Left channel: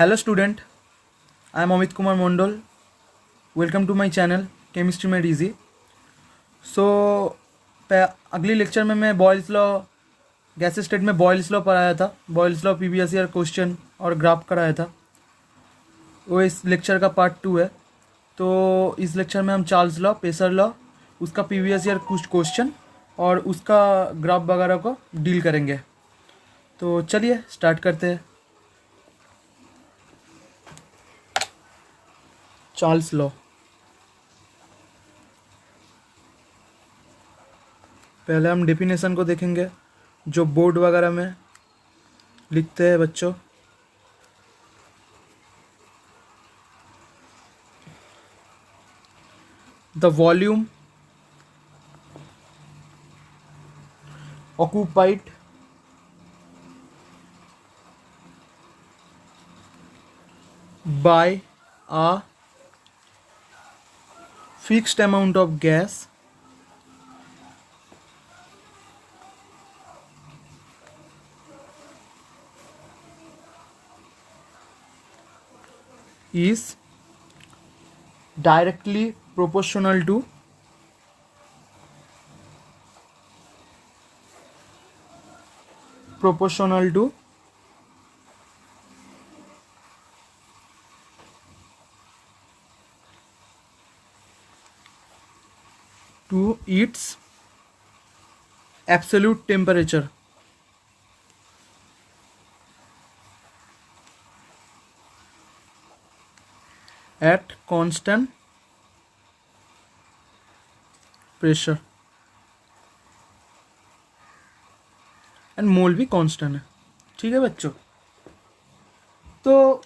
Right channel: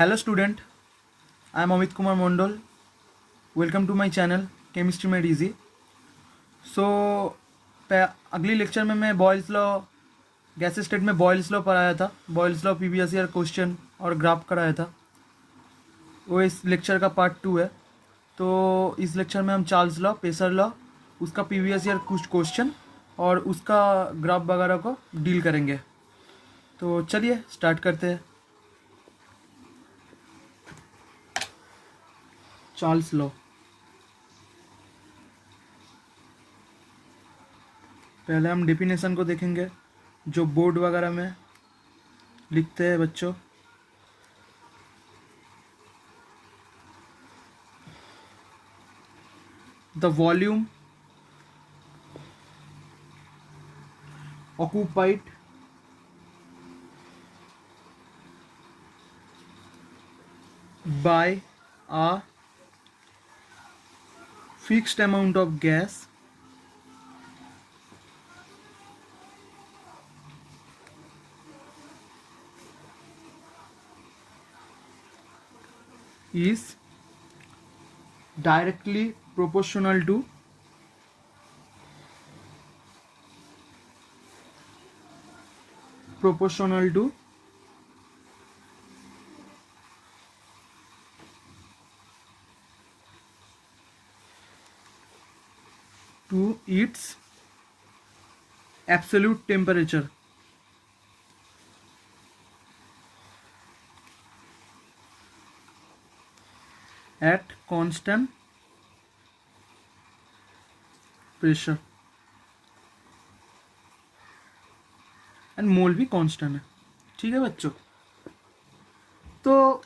Hello student, I am Amit Kumar Mondol. Welcome to my channel Chemistry Made Easy. So अगली lecture में मैं Boyle's law gas state में Boyle's law पढ़ाया था. Boyle's law previous year question और graph कराया था. वो इस लेक्चर का पार्ट 2 है. तो इस लेक्चर में हम चार्ल्स लॉ, पेसर लॉ, उसका प्रीवियस ईयर कुछ क्वेश्चन और उसका ग्राफ वगैरह को डील करेंगे. तो चलिए स्टार्ट करते हैं. Charles law. पहले हम डेफिनेशन को देखेंगे जो बोर्ड वगैरह में लिखते हैं बच्चों. The volume occupied by a fixed amount of gas is directly proportional to its absolute temperature at constant pressure and मोल भी कांस्टेंट है. ठीक है बच्चों. तो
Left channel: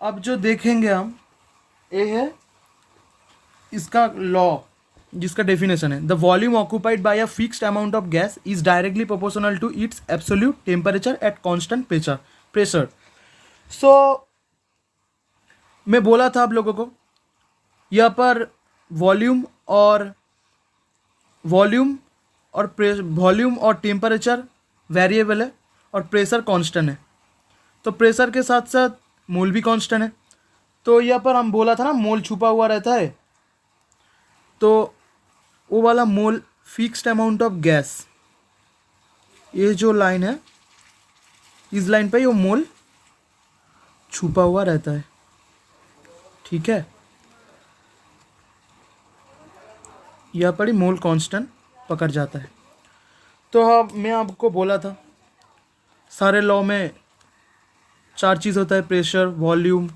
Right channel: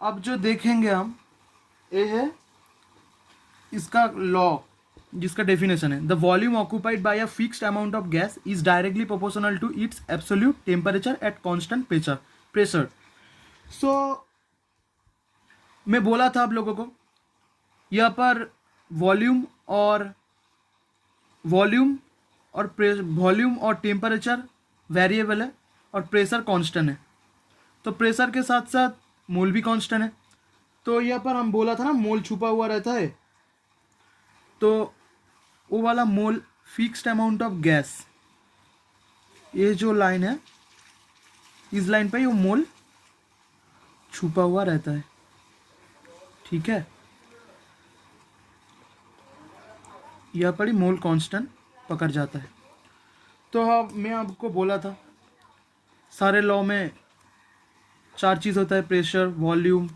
अब जो देखेंगे हम ये है इसका लॉ जिसका डेफिनेशन है the volume occupied by a fixed amount of gas is directly proportional to its absolute temperature at constant pressure. So मैं बोला था आप लोगों को यहाँ पर वॉल्यूम और टेम्परेचर वेरिएबल है और प्रेशर कांस्टेंट है. तो प्रेशर के साथ साथ मोल भी कांस्टेंट है. तो यहाँ पर हम बोला था ना मोल छुपा हुआ रहता है. तो वो वाला मोल फिक्स्ड अमाउंट ऑफ गैस, ये जो लाइन है इस लाइन पे वो मोल छुपा हुआ रहता है. ठीक है. यहाँ पर ही मोल कांस्टेंट पकड़ जाता है. तो अब मैं आपको बोला था सारे लॉ में 4 चीज़ होता है: pressure, volume,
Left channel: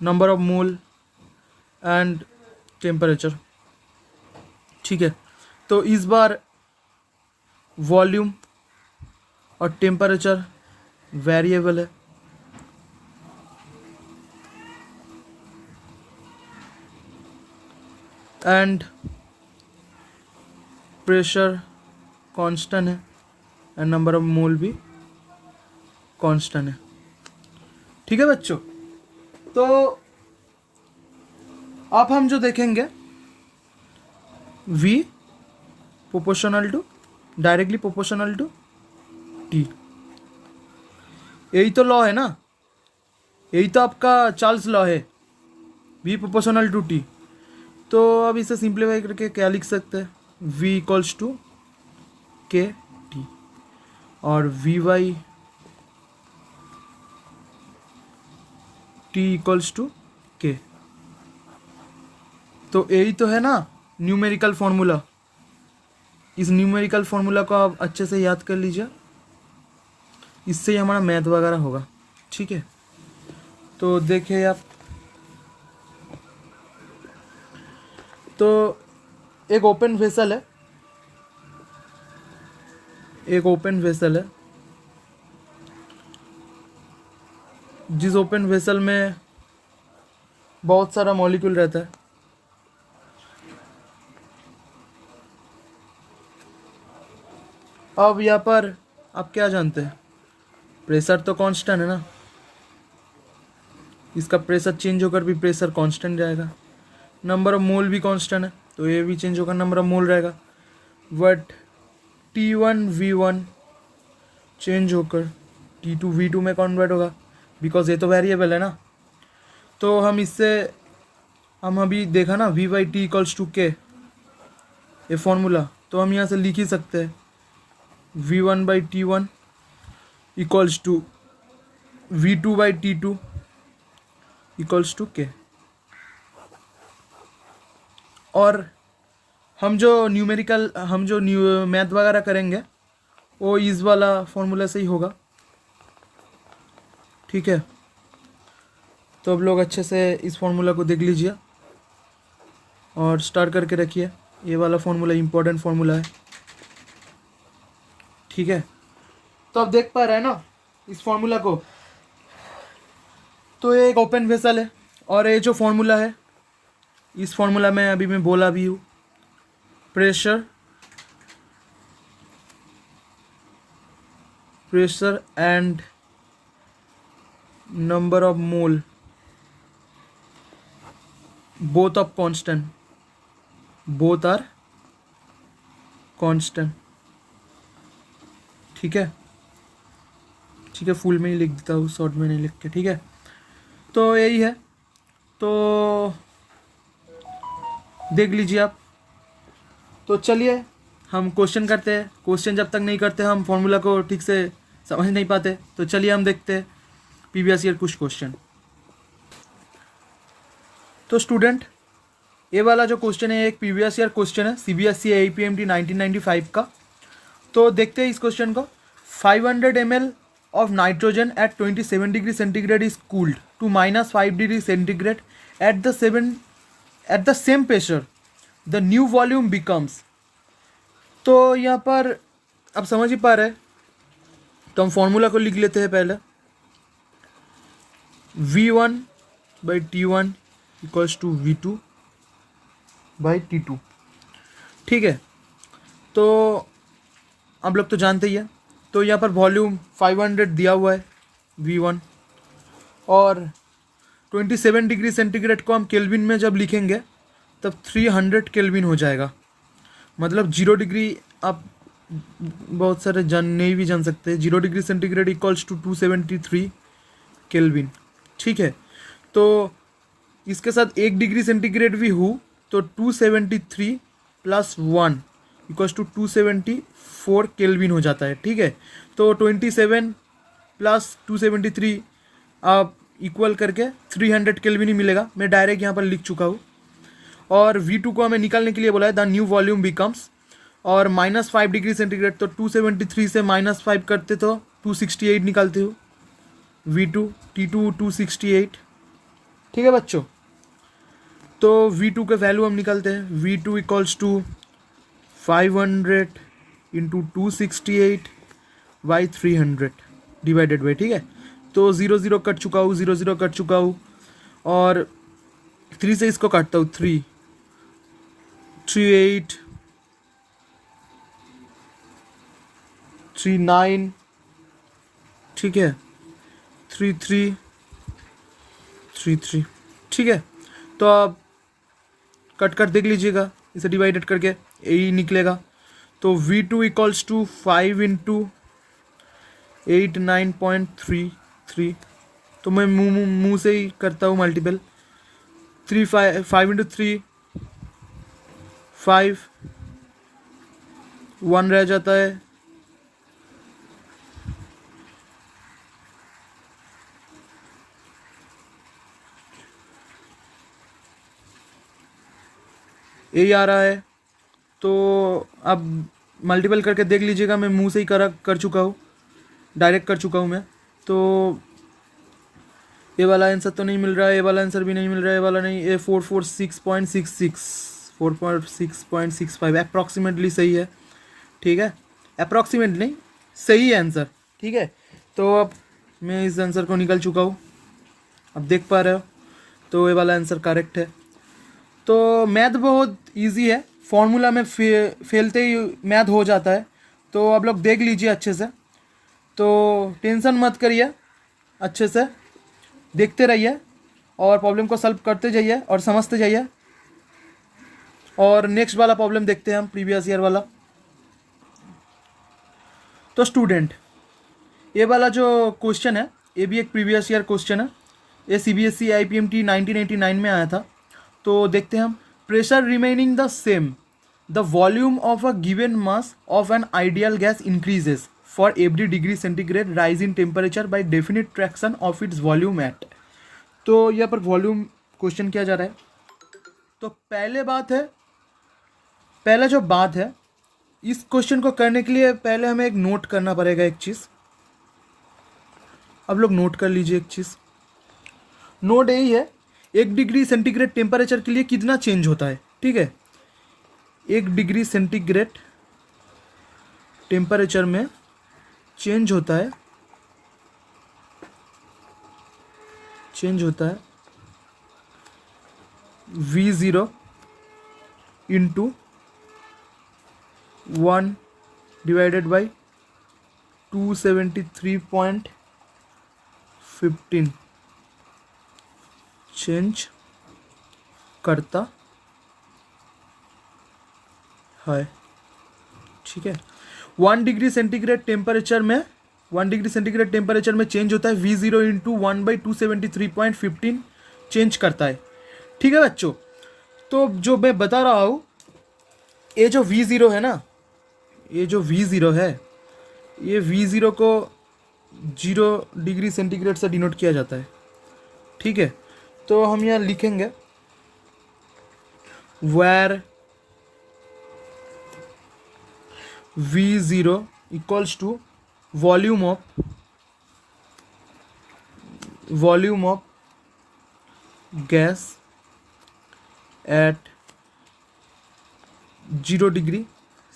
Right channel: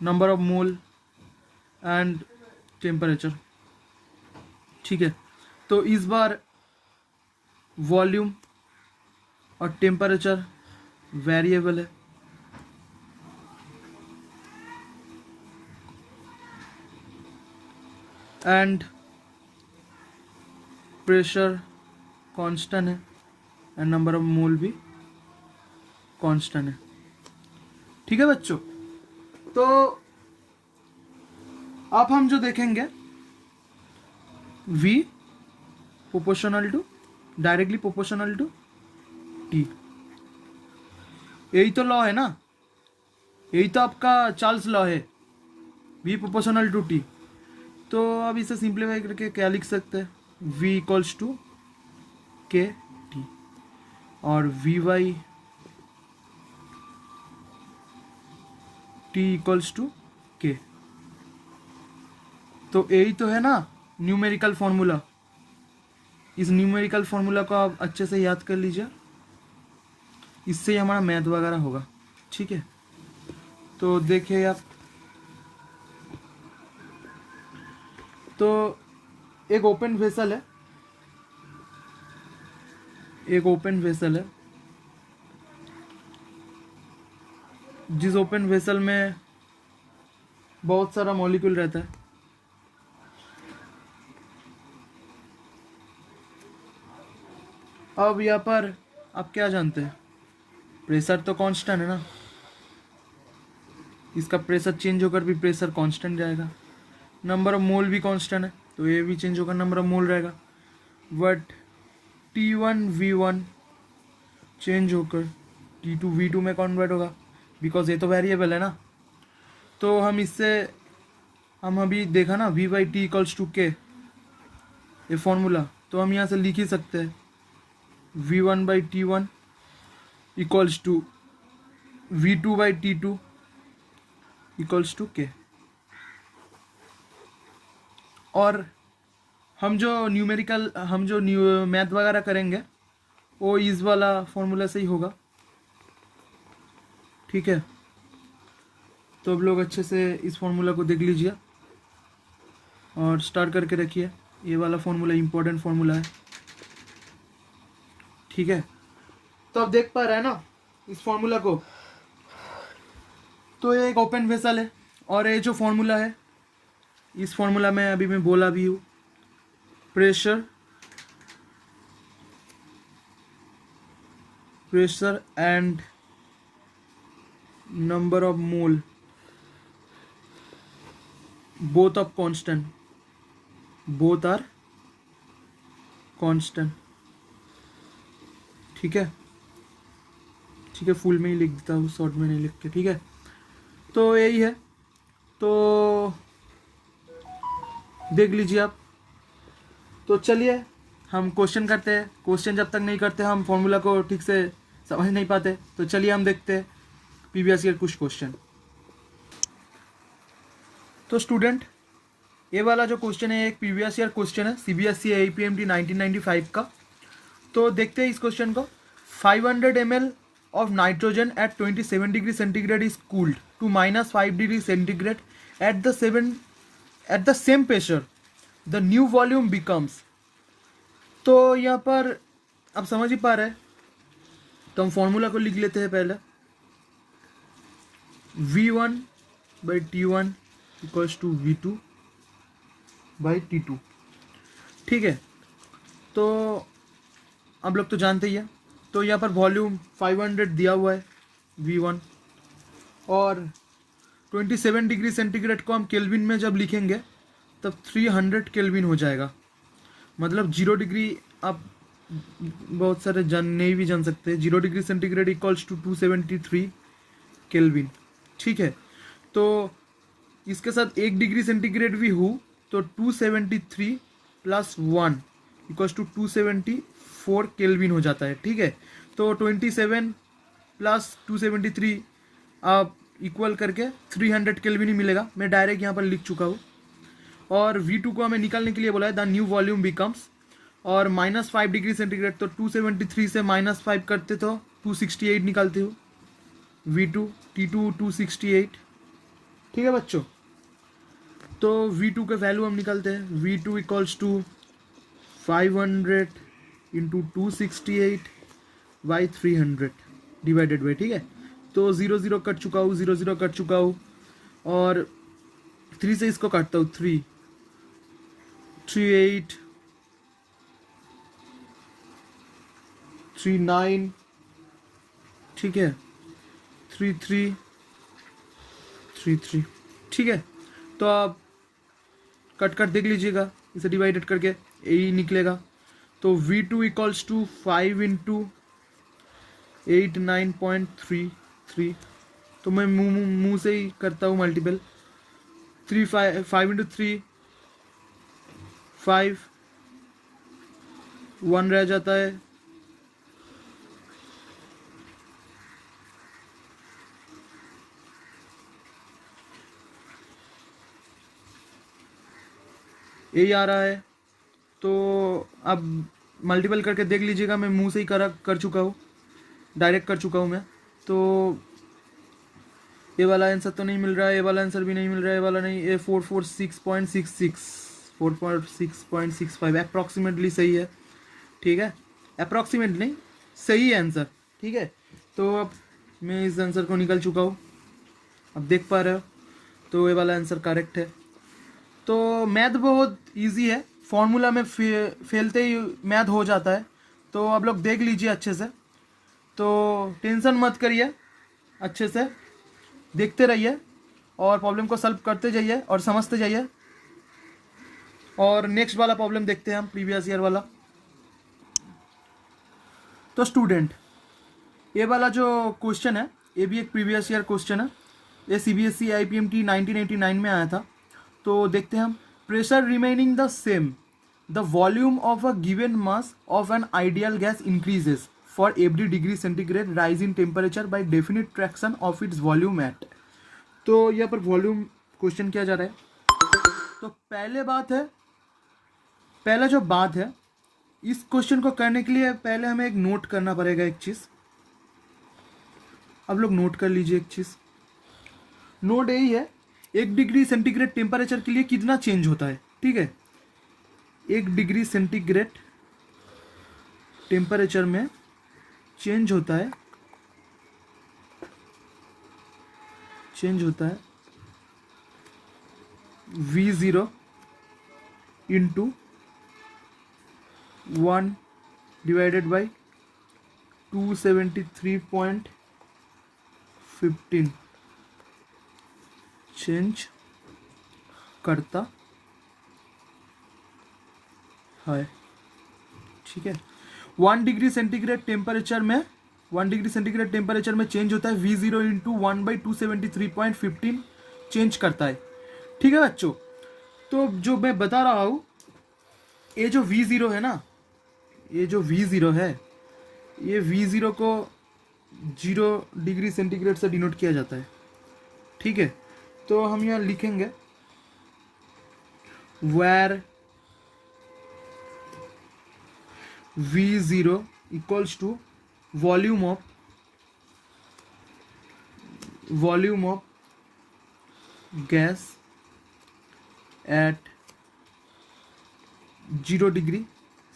number of mole and temperature. ठीक है. तो इस बार वॉल्यूम और टेम्परेचर वेरिएबल है. एंड प्रेशर कांस्टेंट है एंड नंबर ऑफ मोल भी कांस्टेंट है. ठीक है बच्चों. तो अब हम जो देखेंगे V directly proportional to T. यही तो लॉ है ना, यही तो आपका चार्ल्स लॉ है, V प्रोपोर्शनल टू T. तो अब इसे सिंप्लीफाई करके क्या लिख सकते हैं? V equals to K T और V by T equals to K. तो यही तो है ना न्यूमेरिकल फॉर्मूला. इस न्यूमेरिकल फॉर्मूला को आप अच्छे से याद कर लीजिए, इससे ही हमारा मैथ वगैरह होगा. ठीक है. तो देखिए आप, तो एक ओपन वेसल है, जिस ओपन वेसल में बहुत सारा मॉलिक्यूल रहता है. अब यहाँ पर आप क्या जानते हैं? प्रेशर तो कांस्टेंट है ना, इसका प्रेशर चेंज होकर भी प्रेशर कांस्टेंट रहेगा. नंबर ऑफ मोल भी कांस्टेंट है तो ये भी चेंज होकर नंबर ऑफ मोल रहेगा. बट T1 V1 चेंज होकर T2 V2 में कन्वर्ट होगा. बिकॉज ये तो वेरिएबल है ना। तो हम इससे हम अभी देखा ना v/t=k, ये फॉर्मूला, तो हम यहाँ से लिख ही सकते हैं v1/t1 equals to v2/t2 equals to k। और हम जो मैथ वगैरह करेंगे वो इस वाला फॉर्मूला से ही होगा, ठीक है। तो अब लोग अच्छे से इस फॉर्मूला को देख लीजिए और स्टार्ट करके रखिए। ये वाला फॉर्मूला इम्पोर्टेंट फॉर्मूला है, ठीक है। तो आप देख पा रहे हैं ना इस फॉर्मूला को। तो ये एक ओपन वेसल है और ये जो फॉर्मूला है, इस फॉर्मूला में अभी मैं बोला भी हूँ, pressure and number of mole both are constant, ठीक है। फुल में ही लिख देता हूँ, शॉर्ट में नहीं लिखते, ठीक है। तो यही है, तो देख लीजिए आप। तो चलिए हम क्वेश्चन करते हैं। क्वेश्चन जब तक नहीं करते हम फॉर्मूला को ठीक से समझ नहीं पाते। तो चलिए हम देखते हैं प्रीवियस ईयर कुछ क्वेश्चन। तो स्टूडेंट, ये वाला जो क्वेश्चन है एक प्रीवियस ईयर क्वेश्चन है, CBSE APMT 1995 का। तो देखते हैं इस क्वेश्चन को। 500 ml of nitrogen at 27 degree centigrade is cooled to -5 degree centigrade at the same pressure. The new volume becomes। तो यहाँ पर आप समझ ही पा रहे हैं, तो हम फॉर्मूला को लिख लेते हैं पहले। v1/t1 इक्वल्स टू v2/t2, ठीक है। तो आप लोग तो जानते ही है। तो यहाँ पर वॉल्यूम 500 दिया हुआ है v1, और 27 डिग्री सेंटीग्रेड को हम केल्विन में जब लिखेंगे तब 300 केल्विन हो जाएगा। मतलब 0 डिग्री आप बहुत सारे नहीं भी जान सकते हैं। 0 degree centigrade equals to 273 kelvin, ठीक है। तो इसके साथ 1 डिग्री सेंटीग्रेड भी हो तो 273 + 1 इक्वल्स टू 274 केल्विन हो जाता है, ठीक है। तो 27 + 273 आप इक्वल करके 300 केल्विन ही मिलेगा। मैं डायरेक्ट यहाँ पर लिख चुका हूँ। और v2 को हमें निकालने के लिए बोला है द न्यू वॉल्यूम बिकम्स, और -5 डिग्री सेंटीग्रेड, तो 273 से -5 करते तो 268 निकालते हो। v2 268, ठीक है बच्चों। तो v2 के वैल्यू हम निकालते हैं। v2 equals to 500 × 268/300 divided by, ठीक है। तो 0 0 कट चुका हूँ, 0 0 कट चुका हूँ, और 3 से इसको काटता हूँ, 3 8 3 9, ठीक है, 3 3 3 3, ठीक है। तो आप कट कर देख लीजिएगा, इसे डिवाइडेड करके यही निकलेगा। तो v2 इक्वल्स टू 5 × 89.33। तो मैं मुंह से ही करता हूँ मल्टीपल। 5 × 3 5, 1 रह जाता है, यही आ रहा है। तो अब मल्टीपल करके देख लीजिएगा। मैं मुंह से ही कर चुका हूँ, डायरेक्ट कर चुका हूँ मैं। तो ये वाला आंसर तो नहीं मिल रहा है, ये वाला आंसर भी नहीं मिल रहा है, ये वाला नहीं। ये 446.65 अप्रॉक्सीमेटली सही है, ठीक है। अप्रॉक्सीमेट नहीं, सही है आंसर, ठीक है। तो अब मैं इस आंसर को निकल चुका हूँ, अब देख पा रहे हो। तो ये वाला आंसर करेक्ट है। तो मैथ बहुत इजी है, फॉर्मूला में फेलते ही मैथ हो जाता है। तो आप लोग देख लीजिए अच्छे से, तो टेंशन मत करिए, अच्छे से देखते रहिए और प्रॉब्लम को सॉल्व करते जाइए और समझते जाइए। और नेक्स्ट वाला प्रॉब्लम देखते हैं हम, प्रीवियस ईयर वाला। तो स्टूडेंट, ये वाला जो क्वेश्चन है ये भी एक प्रीवियस ईयर क्वेश्चन है, ये CBSE IPMT 1989 में आया था। तो देखते हैं हम। Pressure remaining the same, the volume of a given mass of an ideal gas increases for every degree centigrade rise in temperature by definite fraction of its volume at. तो यहाँ पर वॉल्यूम क्वेश्चन किया जा रहा है। तो पहला जो बात है, इस क्वेश्चन को करने के लिए पहले हमें एक नोट करना पड़ेगा एक चीज़। अब लोग नोट कर लीजिए एक चीज़। नोट यही है, 1 डिग्री सेंटीग्रेड टेम्परेचर के लिए कितना चेंज होता है, ठीक है। 1 डिग्री सेंटीग्रेड टेम्परेचर में चेंज होता है V0 into 1 divided by 273.15 change करता है, ठीक है। 1 डिग्री सेंटीग्रेड टेम्परेचर में चेंज होता है V0 इंटू 1/273.15 चेंज करता है, ठीक है बच्चों। तो जो मैं बता रहा हूँ, ये जो V0 है ना, ये V0 को 0 डिग्री सेंटीग्रेड से डिनोट किया जाता है, ठीक है। तो हम यहाँ लिखेंगे where V0 equals to volume of gas at 0 degree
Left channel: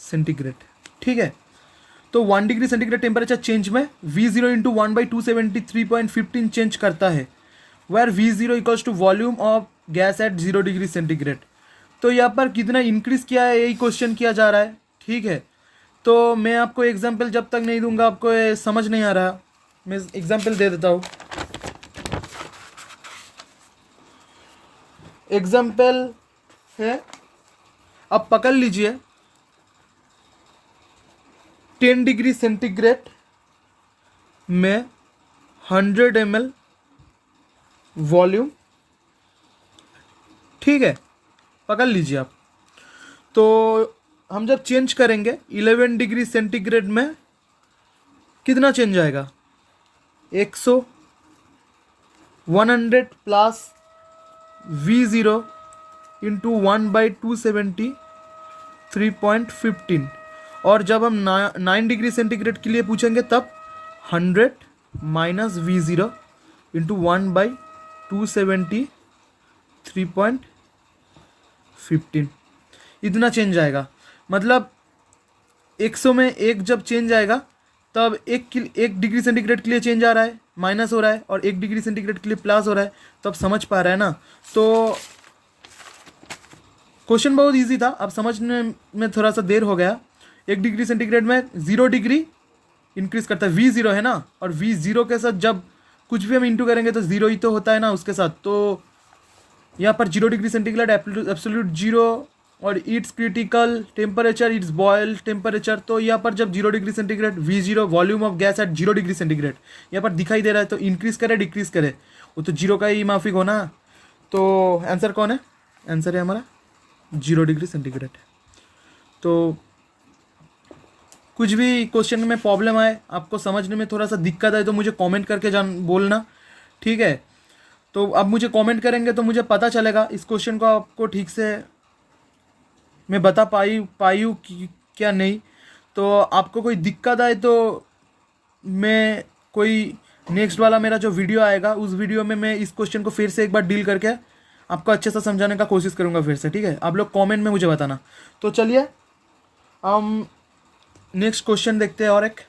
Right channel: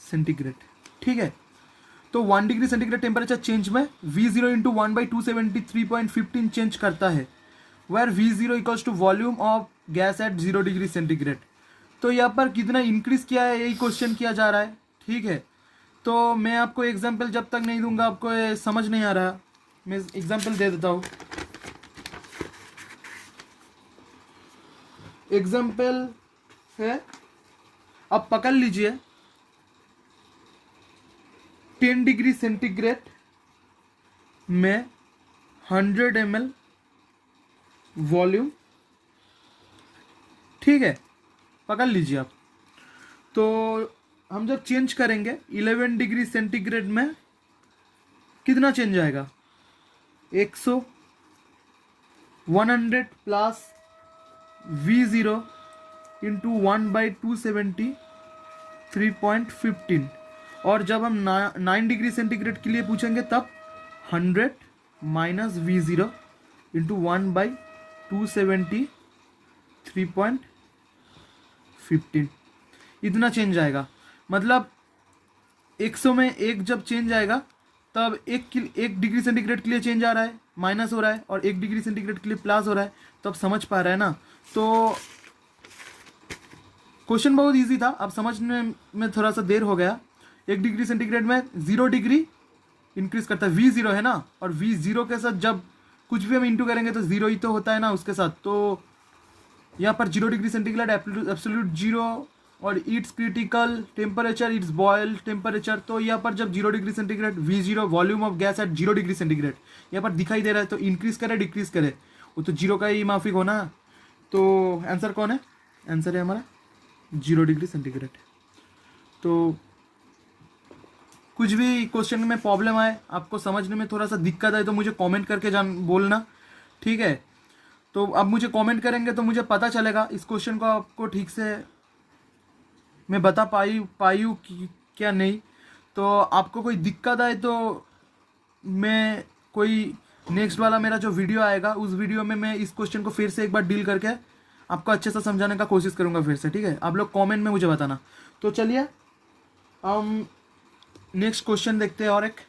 centigrade, ठीक है। तो 1 डिग्री सेंटीग्रेड टेम्परेचर चेंज में V0 इंटू 1/273.15 चेंज करता है, where V0 equals to volume of gas at 0 degree centigrade. तो यहाँ पर कितना इंक्रीज किया है, यही क्वेश्चन किया जा रहा है, ठीक है। तो मैं आपको एग्जाम्पल जब तक नहीं दूंगा, आपको ये समझ नहीं आ रहा, मैं एग्जाम्पल दे देता हूँ। एग्जाम्पल है, अब पकड़ लीजिए 10 डिग्री सेंटीग्रेड में 100 ml वॉल्यूम, ठीक है, पकड़ लीजिए आप। तो हम जब चेंज करेंगे 11 डिग्री सेंटीग्रेड में कितना चेंज आएगा, 100 प्लस V0 इंटू 1/273.15। और जब हम 9 डिग्री सेंटीग्रेड के लिए पूछेंगे तब 100 माइनस V0 इंटू 1/273.15 इतना चेंज आएगा। मतलब 100 में 1 जब चेंज आएगा तब 1 डिग्री सेंटीग्रेड के लिए चेंज आ रहा है, माइनस हो रहा है, और 1 डिग्री सेंटीग्रेड के लिए प्लस हो रहा है। तो आप समझ पा रहे हैं ना। तो क्वेश्चन बहुत इजी था, अब समझने में थोड़ा सा देर हो गया। 1 डिग्री सेंटीग्रेड में 0 डिग्री इंक्रीज करता है, V0 है ना, और V0 के साथ जब कुछ भी हम इंटू करेंगे तो 0 ही तो होता है ना उसके साथ। तो यहाँ पर 0 डिग्री सेंटीग्रेड एब्सोल्यूट 0 और it's critical temperature, it's boil temperature. तो यहाँ पर जब 0 degree centigrade V0 volume of gas at 0 degree centigrade यहाँ पर दिखाई दे रहा है, तो इंक्रीज करे डिक्रीज करे, वो तो 0 का ही माफिक होना। तो आंसर कौन है, आंसर है हमारा 0 डिग्री सेंटीग्रेड। तो कुछ भी क्वेश्चन में प्रॉब्लम आए, आपको समझने में थोड़ा सा दिक्कत आए, तो मुझे कमेंट करके बोलना, ठीक है। तो अब मुझे कमेंट करेंगे तो मुझे पता चलेगा इस क्वेश्चन को आपको ठीक से मैं बता पाई हूँ क्या नहीं। तो आपको कोई दिक्कत आए तो मैं कोई नेक्स्ट वाला मेरा जो वीडियो आएगा उस वीडियो में मैं इस क्वेश्चन को फिर से एक बार डील करके आपको अच्छे से समझाने का कोशिश करूँगा फिर से, ठीक है। आप लोग कमेंट में मुझे बताना। तो चलिए हम नेक्स्ट क्वेश्चन देखते हैं और एक।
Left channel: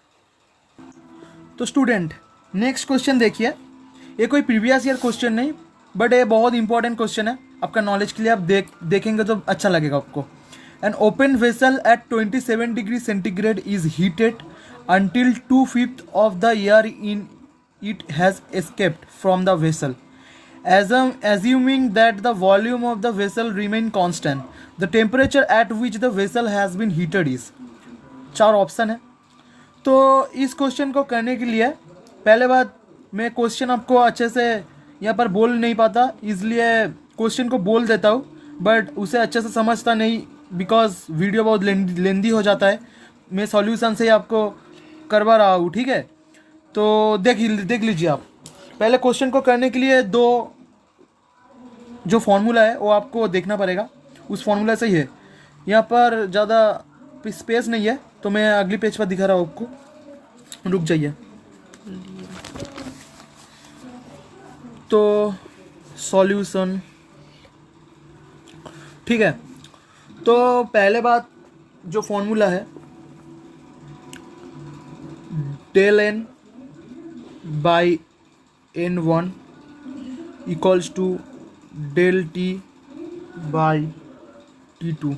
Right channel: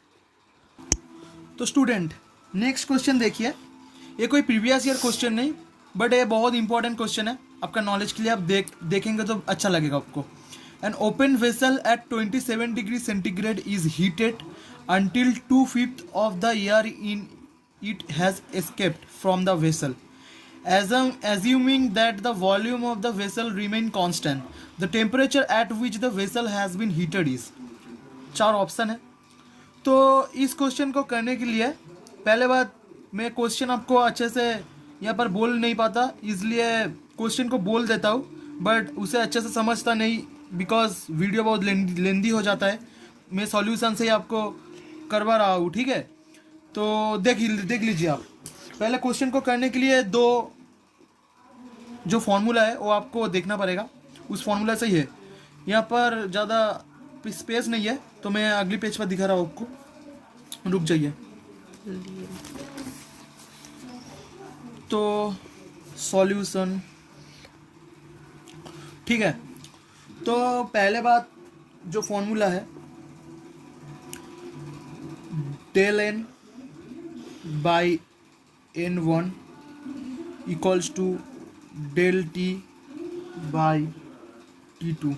तो स्टूडेंट नेक्स्ट क्वेश्चन देखिए, ये कोई प्रीवियस ईयर क्वेश्चन नहीं, बट ये बहुत इंपॉर्टेंट क्वेश्चन है आपका नॉलेज के लिए। आप देखेंगे तो अच्छा लगेगा आपको। An open vessel eight 27 degree centigrade is heated until 2/5 of the air in it has escaped from the vessel. Assuming that the volume of the vessel remain constant, the temperature at which the vessel has been heated is। 4 option है। तो इस question को करने के लिए पहले बात मैं क्वेश्चन आपको अच्छे से यहाँ पर बोल नहीं पाता, इसलिए क्वेश्चन को बोल देता हूँ बट उसे अच्छे से समझता नहीं, बिकॉज वीडियो बहुत लेंदी हो जाता है। मैं सॉल्यूशन से ही आपको करवा रहा हूँ, ठीक है। तो देख लीजिए आप। पहले क्वेश्चन को करने के लिए दो जो फॉर्मूला है वो आपको देखना पड़ेगा, उस फॉर्मूला से ही है। यहाँ पर ज़्यादा स्पेस नहीं है तो मैं अगली पेज पर दिखा रहा हूँ आपको, रुक जाइए। तो सॉल्यूशन, ठीक है। तो पहले बात जो फॉर्मूला है, del n by n1 equals to del T by T2,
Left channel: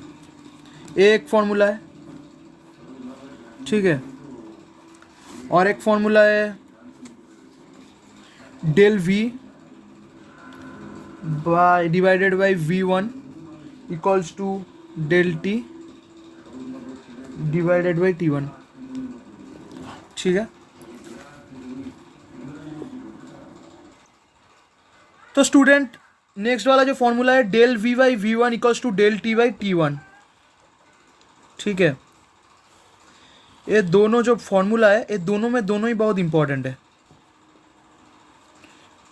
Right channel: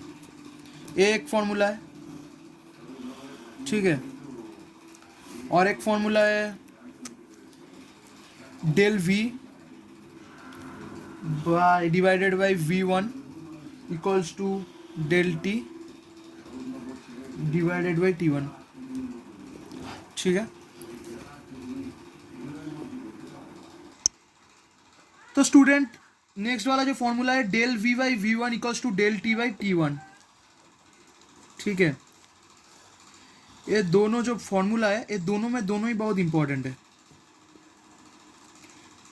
एक फॉर्मूला है, ठीक है। और एक फॉर्मूला है del V by divided by V1 equals to del T divided by T1, ठीक है। तो स्टूडेंट, नेक्स्ट वाला जो फॉर्मूला है del V by V1 equals to del T by T1, ठीक है। ये दोनों जो फॉर्मूला है, ये दोनों में दोनों ही बहुत इंपॉर्टेंट है,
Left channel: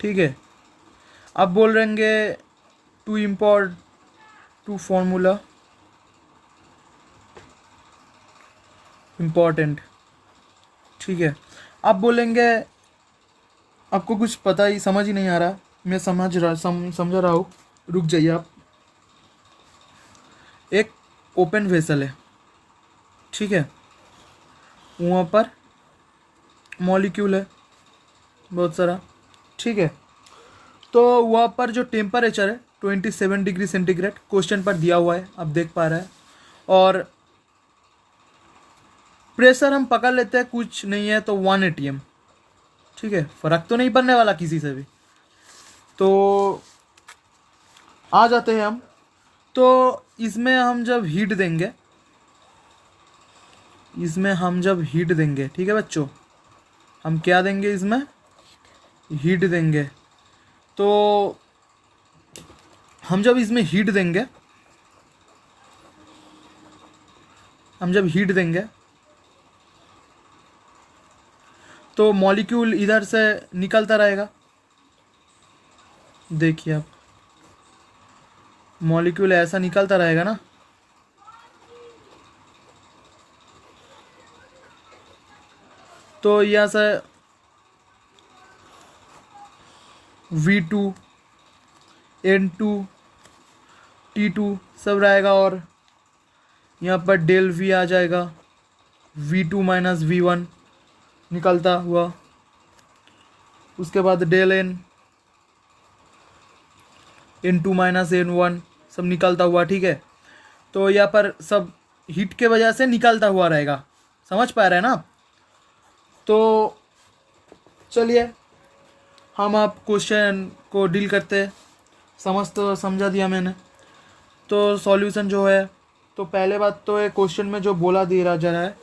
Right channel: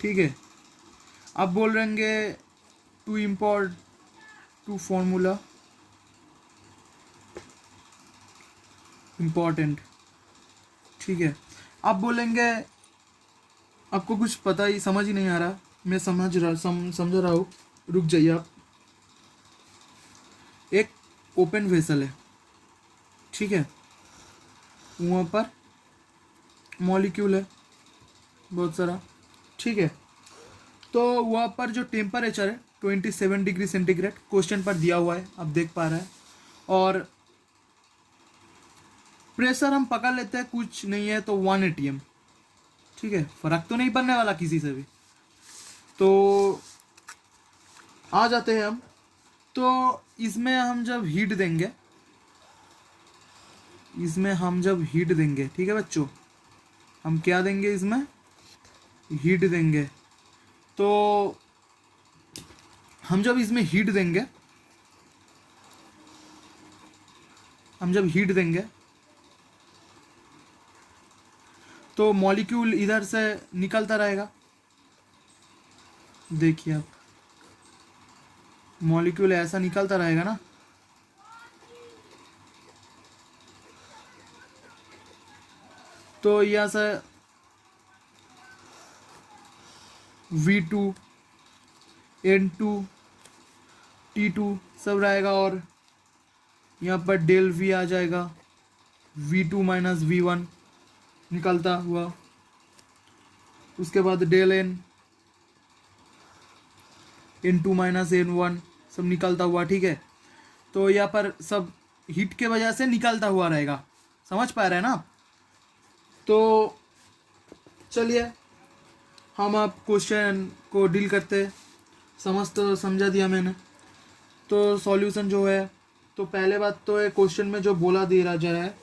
ठीक है। आप बोल रहेंगे टू फॉर्मूला इंपॉर्टेंट, ठीक है। आप बोलेंगे आपको कुछ पता ही समझ ही नहीं आ रहा, मैं समझ रहा हूँ, रुक जाइए आप। एक ओपन वेसल है, ठीक है, वहाँ पर मॉलिक्यूल है बहुत सारा, ठीक है। तो वहाँ पर जो टेम्परेचर है 27 डिग्री सेंटीग्रेड क्वेश्चन पर दिया हुआ है, आप देख पा रहे हैं। और प्रेशर हम पकड़ लेते हैं, कुछ नहीं है तो 1 atm, ठीक है, फर्क तो नहीं पड़ने वाला किसी से भी। तो आ जाते हैं हम, तो इसमें हम जब हीट देंगे, ठीक है बच्चों, हम क्या देंगे इसमें, हीट देंगे। तो हम जब इसमें हीट देंगे, तो मॉलिक्यूल इधर से निकलता रहेगा, देखिए आप, मॉलिक्यूल ऐसा निकलता रहेगा ना। तो यहाँ से V2 N2 T2 सब रहेगा, और यहाँ पर डेल V आ जाएगा, V2 माइनस V1 निकलता हुआ, उसके बाद del N N2 minus N1 सब निकलता हुआ, ठीक है। तो यहाँ पर सब हीट के वजह से निकलता हुआ रहेगा, समझ पा रहे हैं ना। तो चलिए हम आप क्वेश्चन को डील करते, तो समझा दिया मैंने। तो सॉल्यूशन जो है, तो पहले बात तो है क्वेश्चन में जो बोला दे रहा जा रहा है,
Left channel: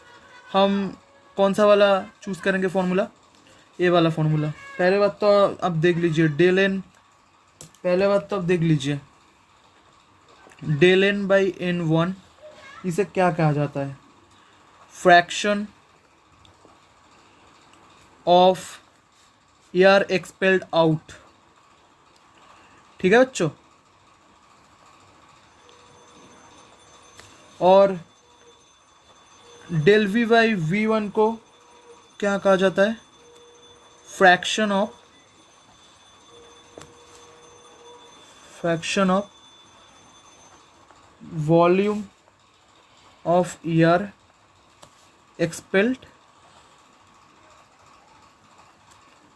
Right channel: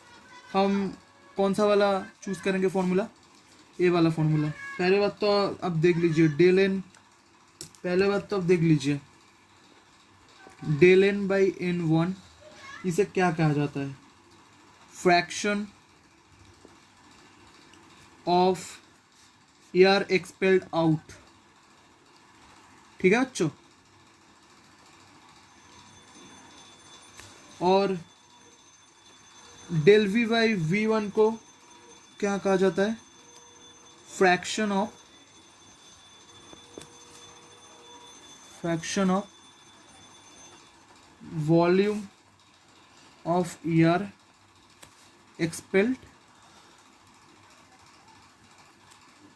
हम कौन सा वाला चूज़ करेंगे फॉर्मूला, ये वाला फॉर्मूला। पहले बात तो अब देख लीजिए डेल एन, पहले बात तो अब देख लीजिए डेल एन बाई N1, इसे क्या कहा जाता है, fraction of air expelled out, ठीक है बच्चों। और डेल V बाई V1 को क्या कहा जाता है, fraction of volume of air expelled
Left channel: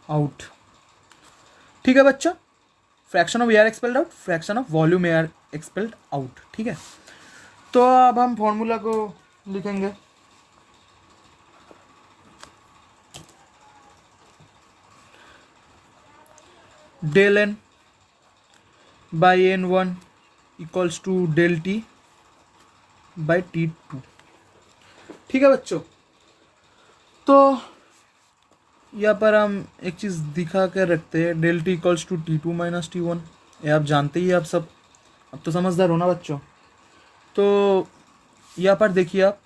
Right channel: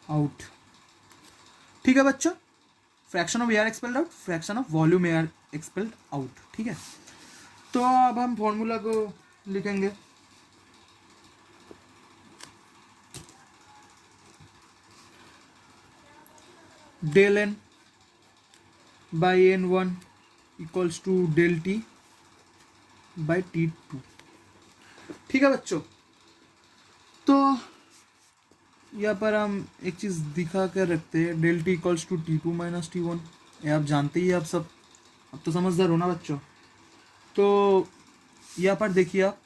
out, ठीक है बच्चा। Fraction of air expelled out, fraction of volume air expelled out, ठीक है। तो अब हम फॉर्मूला को लिखेंगे, del n by N1 equals to del T by T2, ठीक है बच्चों। तो यहाँ पर हम एक चीज़ दिखा कर रखते हैं, del T equals to T2 minus T1। ये आप जानते ही हैं, आप सब अब तो समझदार हो ना बच्चों। तो यहाँ पर देखिए, आप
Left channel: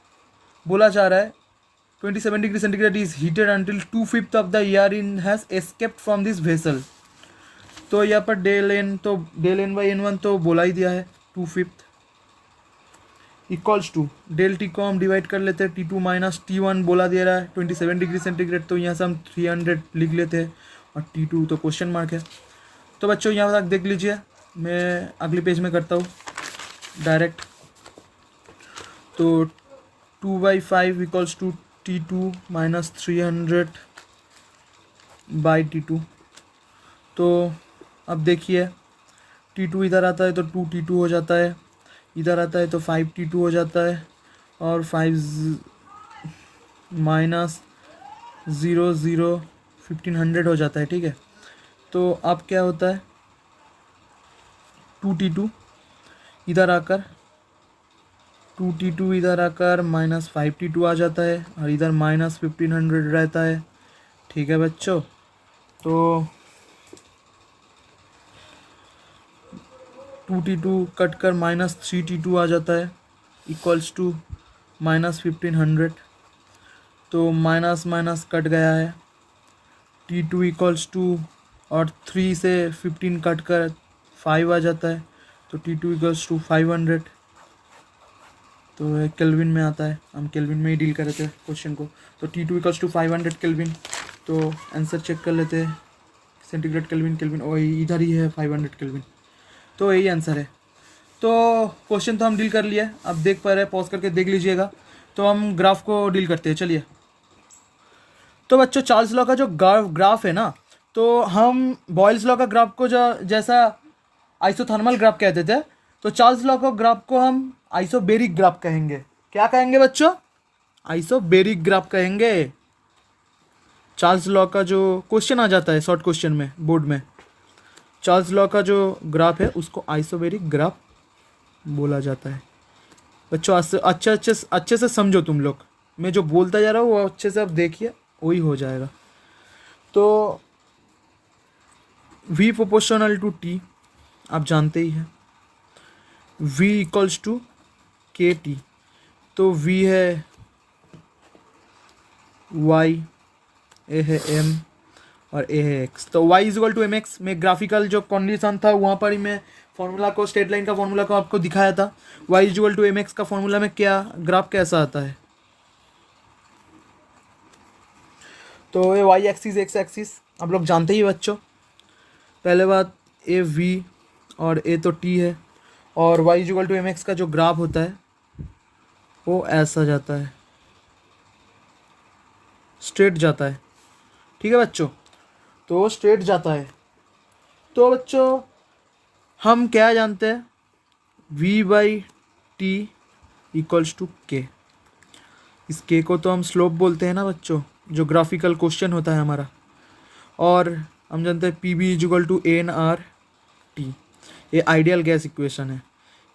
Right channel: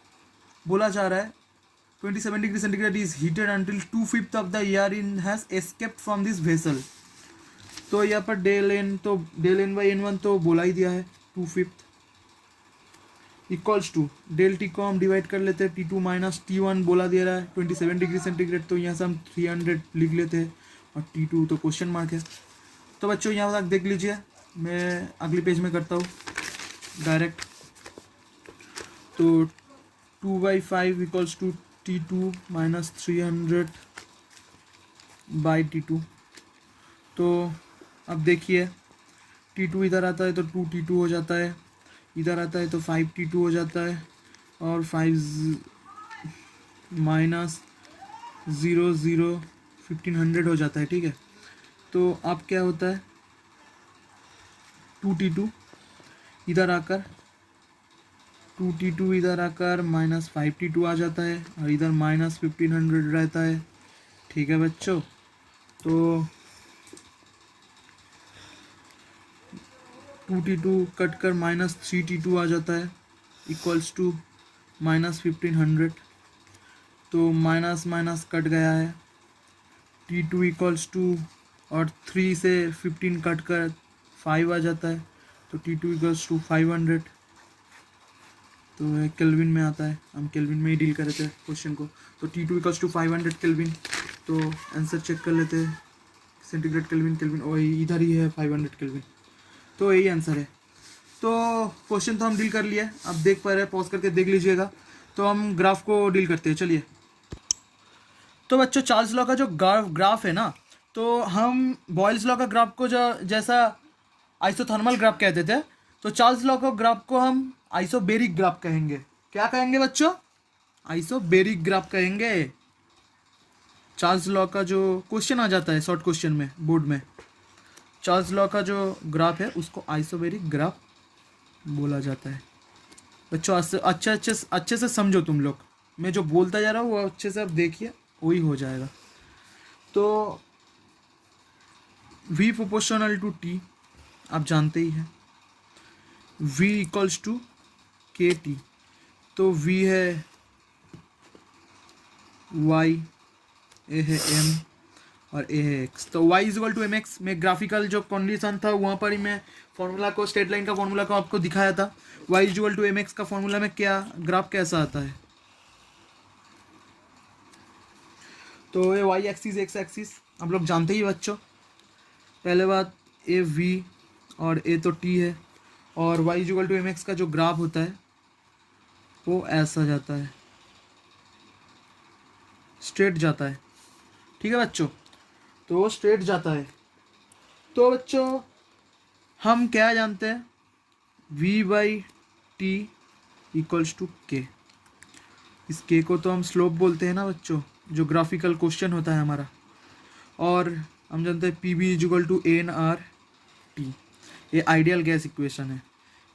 बोला जा रहा है 27 degree centigrade is heated until 2/5 of the air in has escaped from this vessel. तो यहाँ पर डेल एन बाई N1 तो बोला ही दिया है 2/5 इक्वल्स टू डेल टी को हम डिवाइड कर लेते हैं, T2 माइनस T1 बोला दे रहा है 27 डिग्री सेंटीग्रेड, तो यहाँ से हम 300 लिख लेते हैं और T2 तो क्वेश्चन मार्क है। तो बच्चों यहाँ तक देख लीजिए, मैं अगले पेज में करता हूँ डायरेक्ट। तो 2/5 equals to T2 minus 300 by T2। तो अब देखिए, T2 इधर आता है तो 2T2 हो जाता है, इधर आता है तो 5T2 हो जाता है, और 5 माइनस 0 1500 हो जाता है। ठीक है, तो अब क्या होता है, 2T2 इधर आकर 2T2 इधर आकर माइनस 5T2 आ जाता है, और इधर माइनस 1500 रहता है। ठीक है बच्चों, तो 2T2 कट कर माइनस 3T2 आ जाता है इक्वल्स टू माइनस 1500। तो माइनस माइनस कट गया है, T2 इक्वल्स टू, और 3 से 15 कट कर 5 आ जाता है, तो T2 इक्वल्स टू 500। तो केल्विन में आता है, हम केल्विन में ही डील कर रहे थे क्वेश्चन को। तो T2 इक्वल्स टू 500 केल्विन। तो आंसर चेक कर लेते हैं, सेंटीग्रेड केल्विन और इधर ही है 500 केल्विन, तो यही आंसर है। तो क्वेश्चन तो हम डील कर लिया, अब देख पा रहे हैं, पॉज करके देख लीजिएगा। तो हम ग्राफ को डील करते हैं, चलिए। तो बच्चों चार्ल्स लॉ का जो ग्राफ है ना, तो हम बॉयल्स लॉ का ग्राफ को जो जैसा आइसोथर्मल ग्राफ कहते थे, तो चार्ल्स लॉ का ग्राफ को हम आइसोबेरिक ग्राफ कहेंगे। क्या कहेंगे बच्चों? आइसोबेरिक ग्राफ कहेंगे। चार्ल्स लॉ का जो क्वेश्चन आ जाता है शॉर्ट क्वेश्चन में बोर्ड में, चार्ल्स लॉ का जो ग्राफ है उसको आइसोबेरिक ग्राफ बोला जाता है। बच्चों अच्छे से समझो तुम लोग, मैं जो बोलता जा रहा हूँ वो अच्छे से आप देखिए, वही हो जाएगा। तो V प्रोपोर्शनल टू T आप जानते ही हैं, V इक्वल्स टू KT। तो V है Y, A है M और A है X। तो Y is equal to MX में ग्राफिकल जो कंडीशन था वहाँ पर ही मैं फॉर्मूला को, स्ट्रेट लाइन का फॉर्मूला को आपको दिखाया था। Y is equal to MX का फॉर्मूला में क्या ग्राफ कैसा आता है, तो ये Y एक्सिस X एक्सिस आप लोग जानते ही बच्चों। पहले बात, A V और A तो T है, और Y is equal to MX का जो ग्राफ होता है वो ऐसा जाता है, स्ट्रेट जाता है। ठीक है बच्चों, तो स्ट्रेट जाता है। तो बच्चों हम क्या जानते हैं, V by T equals to K। इस K को तो हम स्लोप बोलते हैं ना बच्चों, जो ग्राफिकल क्वेश्चन होता है हमारा। और हम जानते हैं PV is equal to nRT। ये आइडियल गैस इक्वेशन है,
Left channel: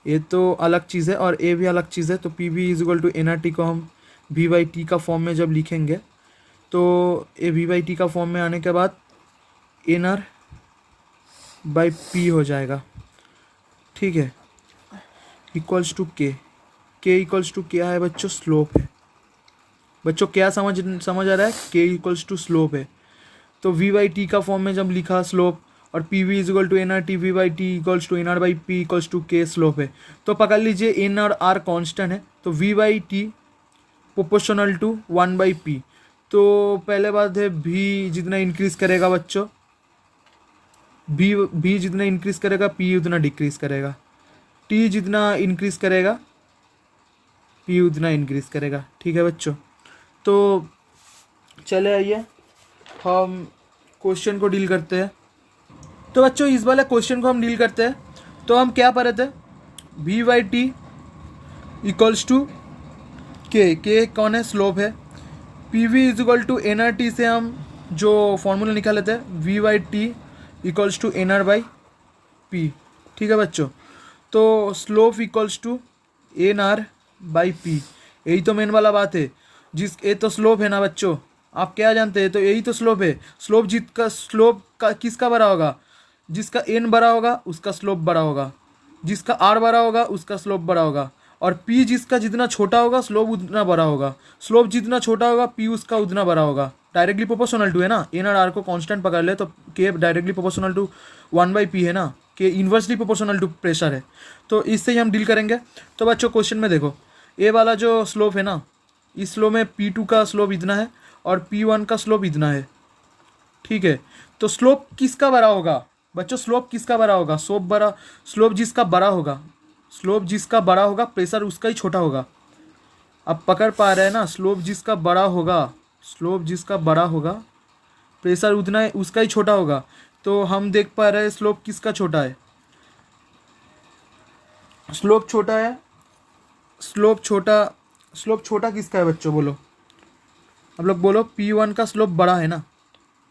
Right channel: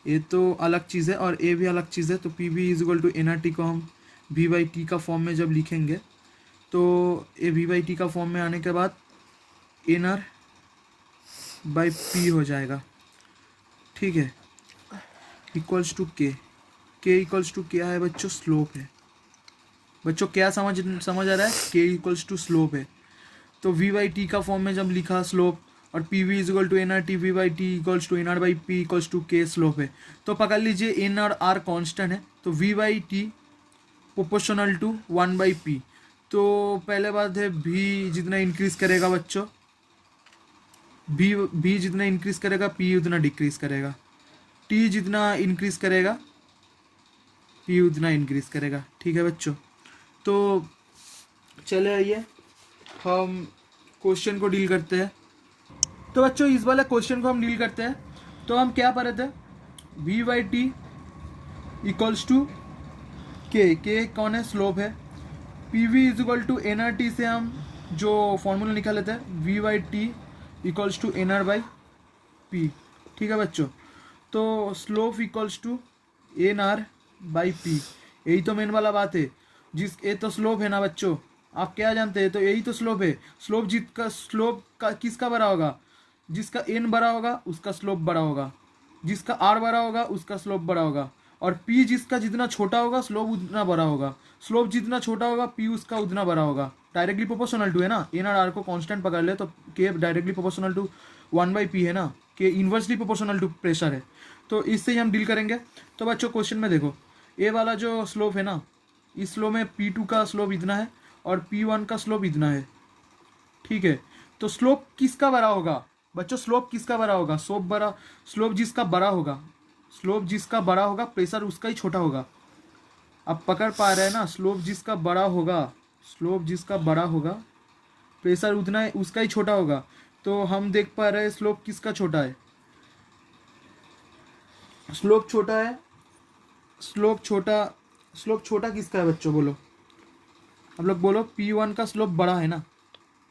ये तो अलग चीज़ है और ए भी अलग चीज़ है। तो PV is equal to nRT को हम V बाई T का फॉर्म में जब लिखेंगे, तो ये V बाई T का फॉर्म में आने के बाद nR बाई P हो जाएगा। ठीक है, equals to K equals to क्या है बच्चों, स्लोप है। बच्चों क्या समझ आ रहा है, K इक्वल्स टू स्लोप है। तो V बाई T का फॉर्म में जब लिखा स्लोप, और PV is equal to nRT, V by T equals to nR by P equals to K slope है। तो पकड़ लीजिए n और R कॉन्स्टेंट है, तो V by T proportional to 1 by P। तो पहले बात है, V जितना इंक्रीज करेगा बच्चों, V जितना इंक्रीज करेगा P उतना डिक्रीज करेगा, T जितना इंक्रीज करेगा P उतना इंक्रीज करेगा। ठीक है बच्चों, तो चले आइए हम क्वेश्चन को डील करते हैं। तो बच्चों इस वाले क्वेश्चन को हम डील करते हैं। तो हम क्या पढ़े थे, V by T equals to K कौन है, स्लोप है। PV is equal to nRT से हम जो फॉर्मूला निकाले थे, V by T equals to nR by P। ठीक है बच्चों, तो slope equals to nR by P, यही तो मेन वाला बात है। ये तो स्लोप है ना बच्चों, आप क्या जानते हैं? तो यही तो स्लोप है। स्लोप का किसका बड़ा होगा? जिसका एन बड़ा होगा उसका स्लोप बड़ा होगा, जिसका आर बड़ा होगा उसका स्लोप बड़ा होगा, और पी जिसका जितना छोटा होगा स्लोप उतना बड़ा होगा। स्लोप जितना छोटा होगा पी उसका उतना बड़ा होगा। डायरेक्टली प्रोपोर्शनल टू है ना, एन और आर को कांस्टेंट पकड़ ले तो के डायरेक्टली प्रोपोर्शनल टू 1/p है ना, के इन्वर्सली प्रोपोर्शनल टू प्रेशर है। तो इससे ही हम डील करेंगे। तो बच्चों क्वेश्चन में देखो, ए वाला जो स्लोप है ना, इस स्लोप में P2 का स्लोप इतना है और P1 का स्लोप इतना है, ठीक है। तो स्लोप किसका बड़ा होगा बच्चों? स्लोप किसका बड़ा होगा? स्लोप जिसका बड़ा होगा, स्लोप जिसका बड़ा होगा प्रेशर उसका ही छोटा होगा। अब पकड़ पा रहे हैं ना? स्लोप जिसका बड़ा होगा, स्लोप जिसका बड़ा होगा प्रेशर उतना उसका ही छोटा होगा। तो हम देख पा रहे हैं स्लोप किसका छोटा है? स्लोप छोटा है। स्लोप छोटा किसका है बच्चों? बोलो, आप लोग बोलो। P1 का स्लोप बड़ा है ना,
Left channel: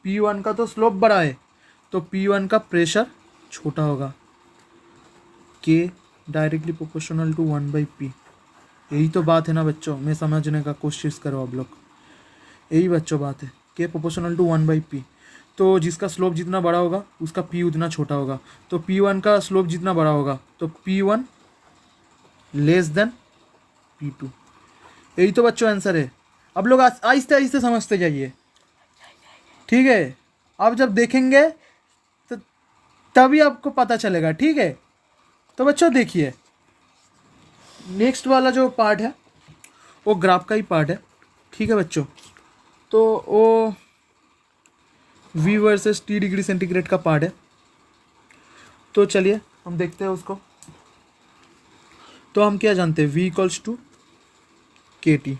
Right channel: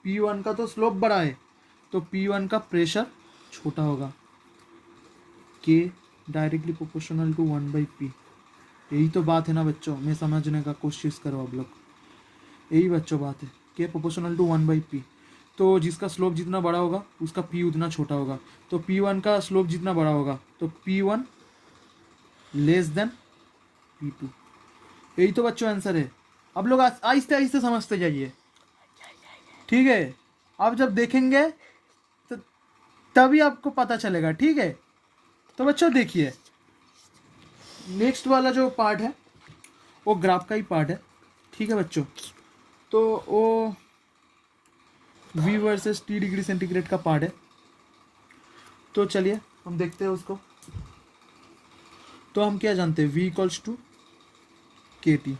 P1 का तो स्लोप बड़ा है, तो P1 का प्रेशर छोटा होगा। K directly proportional to 1/p। यही तो बात है ना बच्चों, मैं समझने का कोशिश करो आप लोग। यही बच्चों बात है, K प्रोपोर्शनल टू 1/p। तो जिसका स्लोप जितना बड़ा होगा उसका P उतना छोटा होगा। तो P1 का स्लोप जितना बड़ा होगा तो P1 लेस देन P2। यही तो बच्चों आंसर है। अब लोग आहिस्ते आहिस्ते समझते जाइए, ठीक है। आप जब देखेंगे तो तभी आपको पता चलेगा, ठीक है। तो बच्चों देखिए, नेक्स्ट वाला जो पार्ट है वो ग्राफ का ही पार्ट है, ठीक है बच्चों। तो वो V versus T degree centigrade का पार्ट है। तो चलिए हम देखते हैं उसको। तो हम क्या जानते हैं? V equals to K T,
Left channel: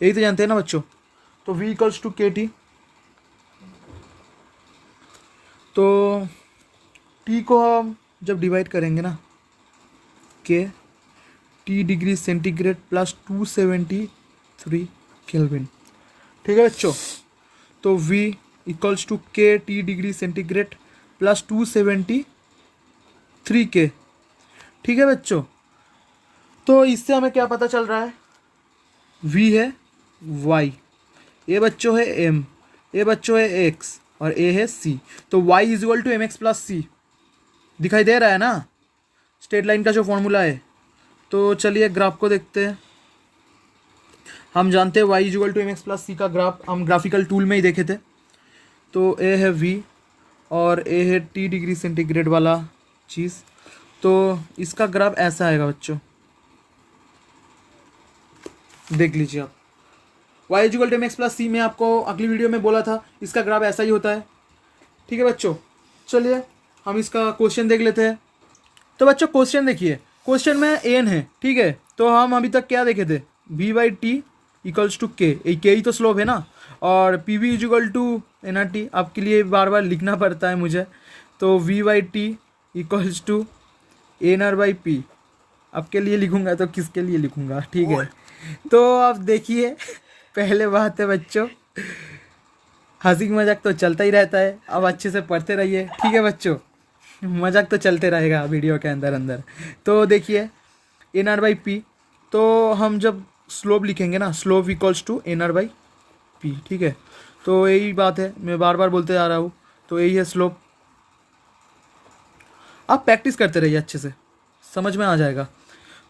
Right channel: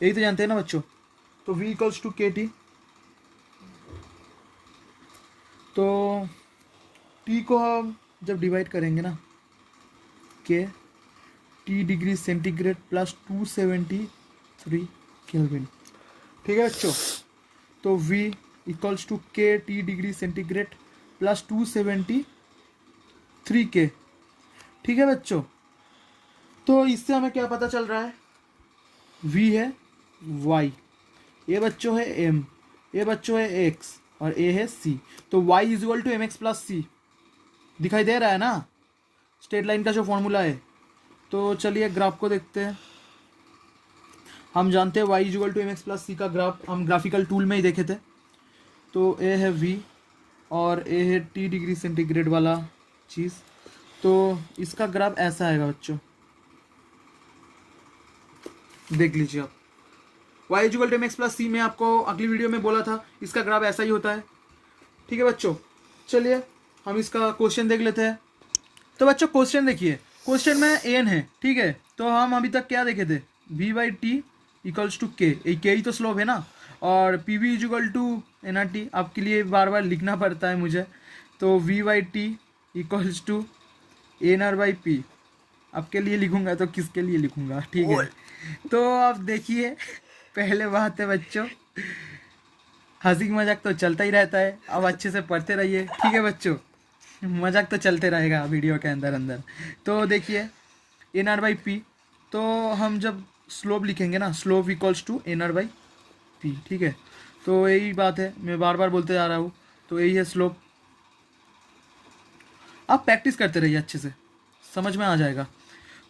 यही तो जानते हैं ना बच्चों। तो V equals to K T, तो T को हम जब डिवाइड करेंगे ना, के T degree centigrade plus 273 kelvin, ठीक है बच्चों। तो V इक्वल्स टू के T डिग्री सेंटीग्रेड प्लस 273 के, ठीक है बच्चों। तो इससे हमें क्या पता चल रहा है? V है Y, ये बच्चों है M, ये बच्चों है X और A है C। तो Y is equal to mx plus C, दिखाई दे रहा है ना स्ट्रेट लाइन का जो फॉर्मूला है। तो चलिए ग्राफ को देखते हैं। हम जानते हैं y is equal to mx plus C का ग्राफ हम ग्राफिकल टूल में ही देखे थे। तो A है V और A है T डिग्री सेंटीग्रेड वाला चीज़। तो इसका ग्राफ ऐसा आएगा बच्चों, देख लीजिए आप। y is equal to mx plus C में आपको अगली वीडियो में बोला था इसका ग्राफ ऐसा ही होता है, ठीक है बच्चों। चलिए हम इसका क्वेश्चन देख लेते हैं। तो बच्चों क्वेश्चन देखिए, क्वेश्चन में एन है, ठीक है। तो हम अभी तक क्या देखे थे? V/T इक्वल्स टू के, ही तो स्लोप है ना, और PV is equal to NRT। आपके लिए बार बार लिखना पड़ता है मुझे। तो V/T इक्वल्स टू NR/P। आपके लिए लिखूंगा तो किसके लिए लिखूंगा, ठीक है। तो आप देखिए, पहले बात है बच्चों, हंसी मजाक तो चलता ही रहता है, अब अच्छे से पढ़ते रहिए, ठीक है बच्चों। मजाक तो चलते रहेगा वीडियो के अंदर अंदर। तो देखिए NR/P, तो हम जब स्लोप लिखेंगे ना, स्लोप इक्वल्स टू NR/P, ठीक है। तो यही बात है, मैं बार बार बोलते जा रहा हूँ। तो यही है स्लोप। आप प्रैक्टिस करते रहिए, अच्छे से समझ में आ जाएगा।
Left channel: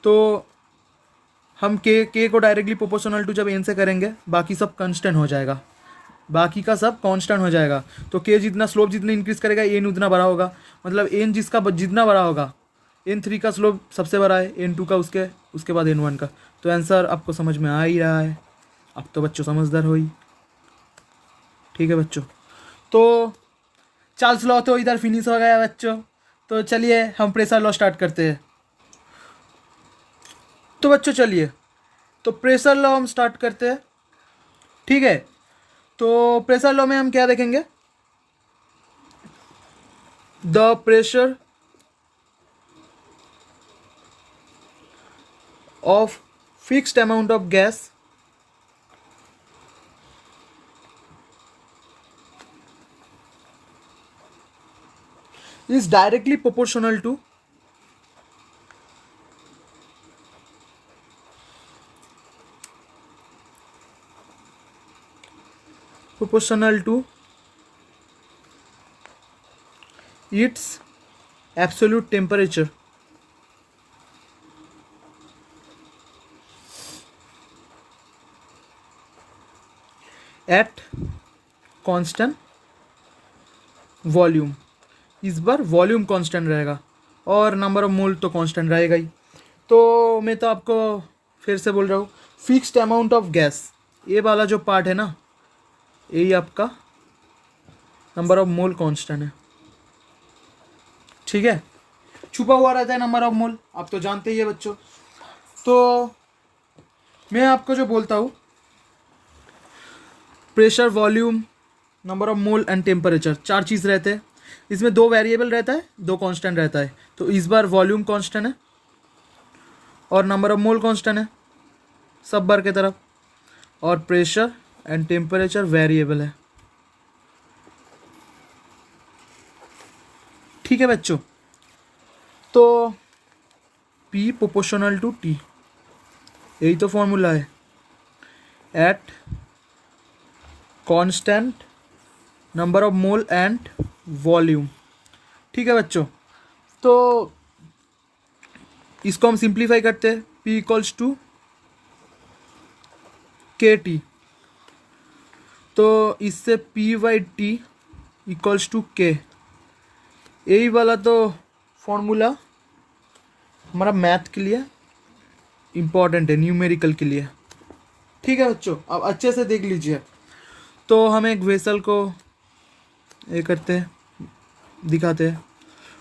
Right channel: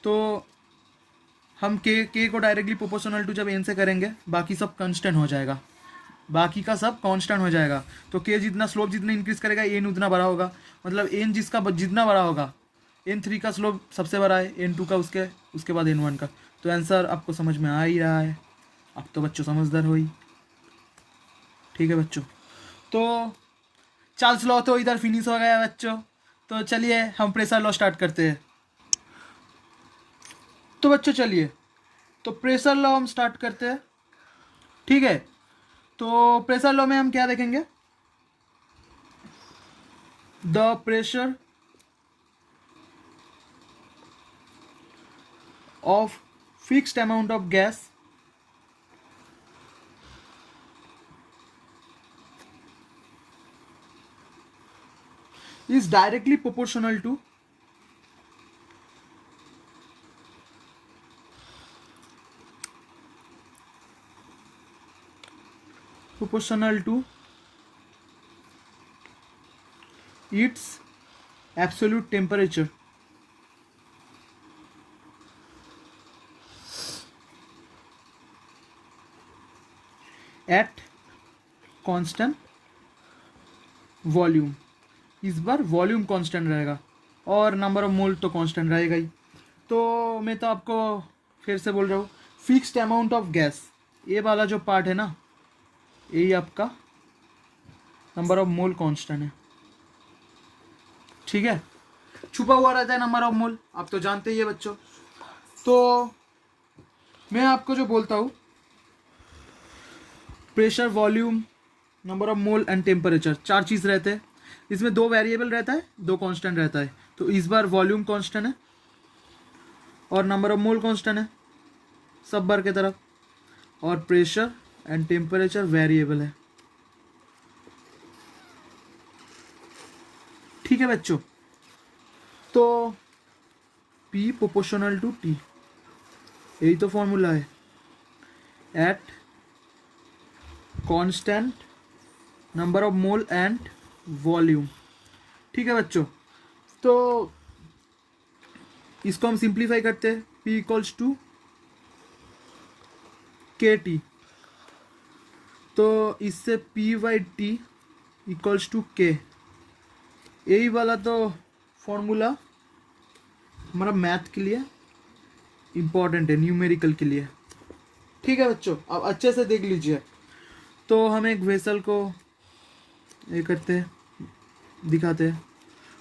तो हम के को डायरेक्टली प्रोपोर्शनल टू जब एन से करेंगे बाकी सब कांस्टेंट हो जाएगा, बाकी का सब कांस्टेंट हो जाएगा। तो के जितना स्लोप जितना इंक्रीज करेगा एन उतना बड़ा होगा, मतलब एन जिसका जितना बड़ा होगा, N3 का स्लोप सबसे बड़ा है, N2 का उसके बाद N1 का। तो आंसर आपको समझ में आ ही रहा है। अब तो बच्चों समझदार हो ही, ठीक है बच्चों। तो चार्ल्स लॉ तो इधर फिनिश हो गया बच्चों। तो चलिए हम प्रेशर लॉ स्टार्ट करते हैं। तो बच्चों चलिए, तो प्रेशर लॉ हम स्टार्ट करते हैं, ठीक है। तो प्रेशर लॉ में हम क्या देखेंगे? The pressure of fixed amount of gas is directly proportional to proportional to its absolute temperature. At constant volume. इस बार वॉल्यूम कांस्टेंट रहेगा और नंबर ऑफ मोल तो कांस्टेंट रहेगा ही। तो मैं तो आपको फिर से बोल रहा हूँ, फिक्स्ड अमाउंट ऑफ गैस, ये वाला जो पार्ट है ना, यही आपका नंबर ऑफ मोल कांस्टेंट है। ठीक है, छुपा हुआ रहता है नंबर ऑफ मोल, आप तो जानते ही है बच्चों। तो मैं आपको जो बोलता हूँ, pressure, volume, number of mole and temperature, 4 चीज़ रहते हैं। इसमें 2 वेरिएबल रहता है, 2 कांस्टेंट रहता है। तो इस बार वॉल्यूम कांस्टेंट है और नंबर ऑफ मोल कांस्टेंट है सब बार के तरफ, और प्रेशर एंड टेम्परेचर वेरिएबल है। ठीक है बच्चों, तो P प्रोपोर्शनल टू T, यही तो फॉर्मूला है। At constant number of mole and volume. ठीक है बच्चों, तो इसको हम सिंप्लीफाई करते हैं। P इक्वल्स टू KT, तो इससे P/T इक्वल्स टू K, यही वाला तो फॉर्मूला हमारा मैथ के लिए इम्पॉर्टेंट है, न्यूमेरिकल के लिए। ठीक है बच्चों, अब अच्छे से देख लीजिए। तो हम एक वेसल को ये करते हैं, दिखाते हैं,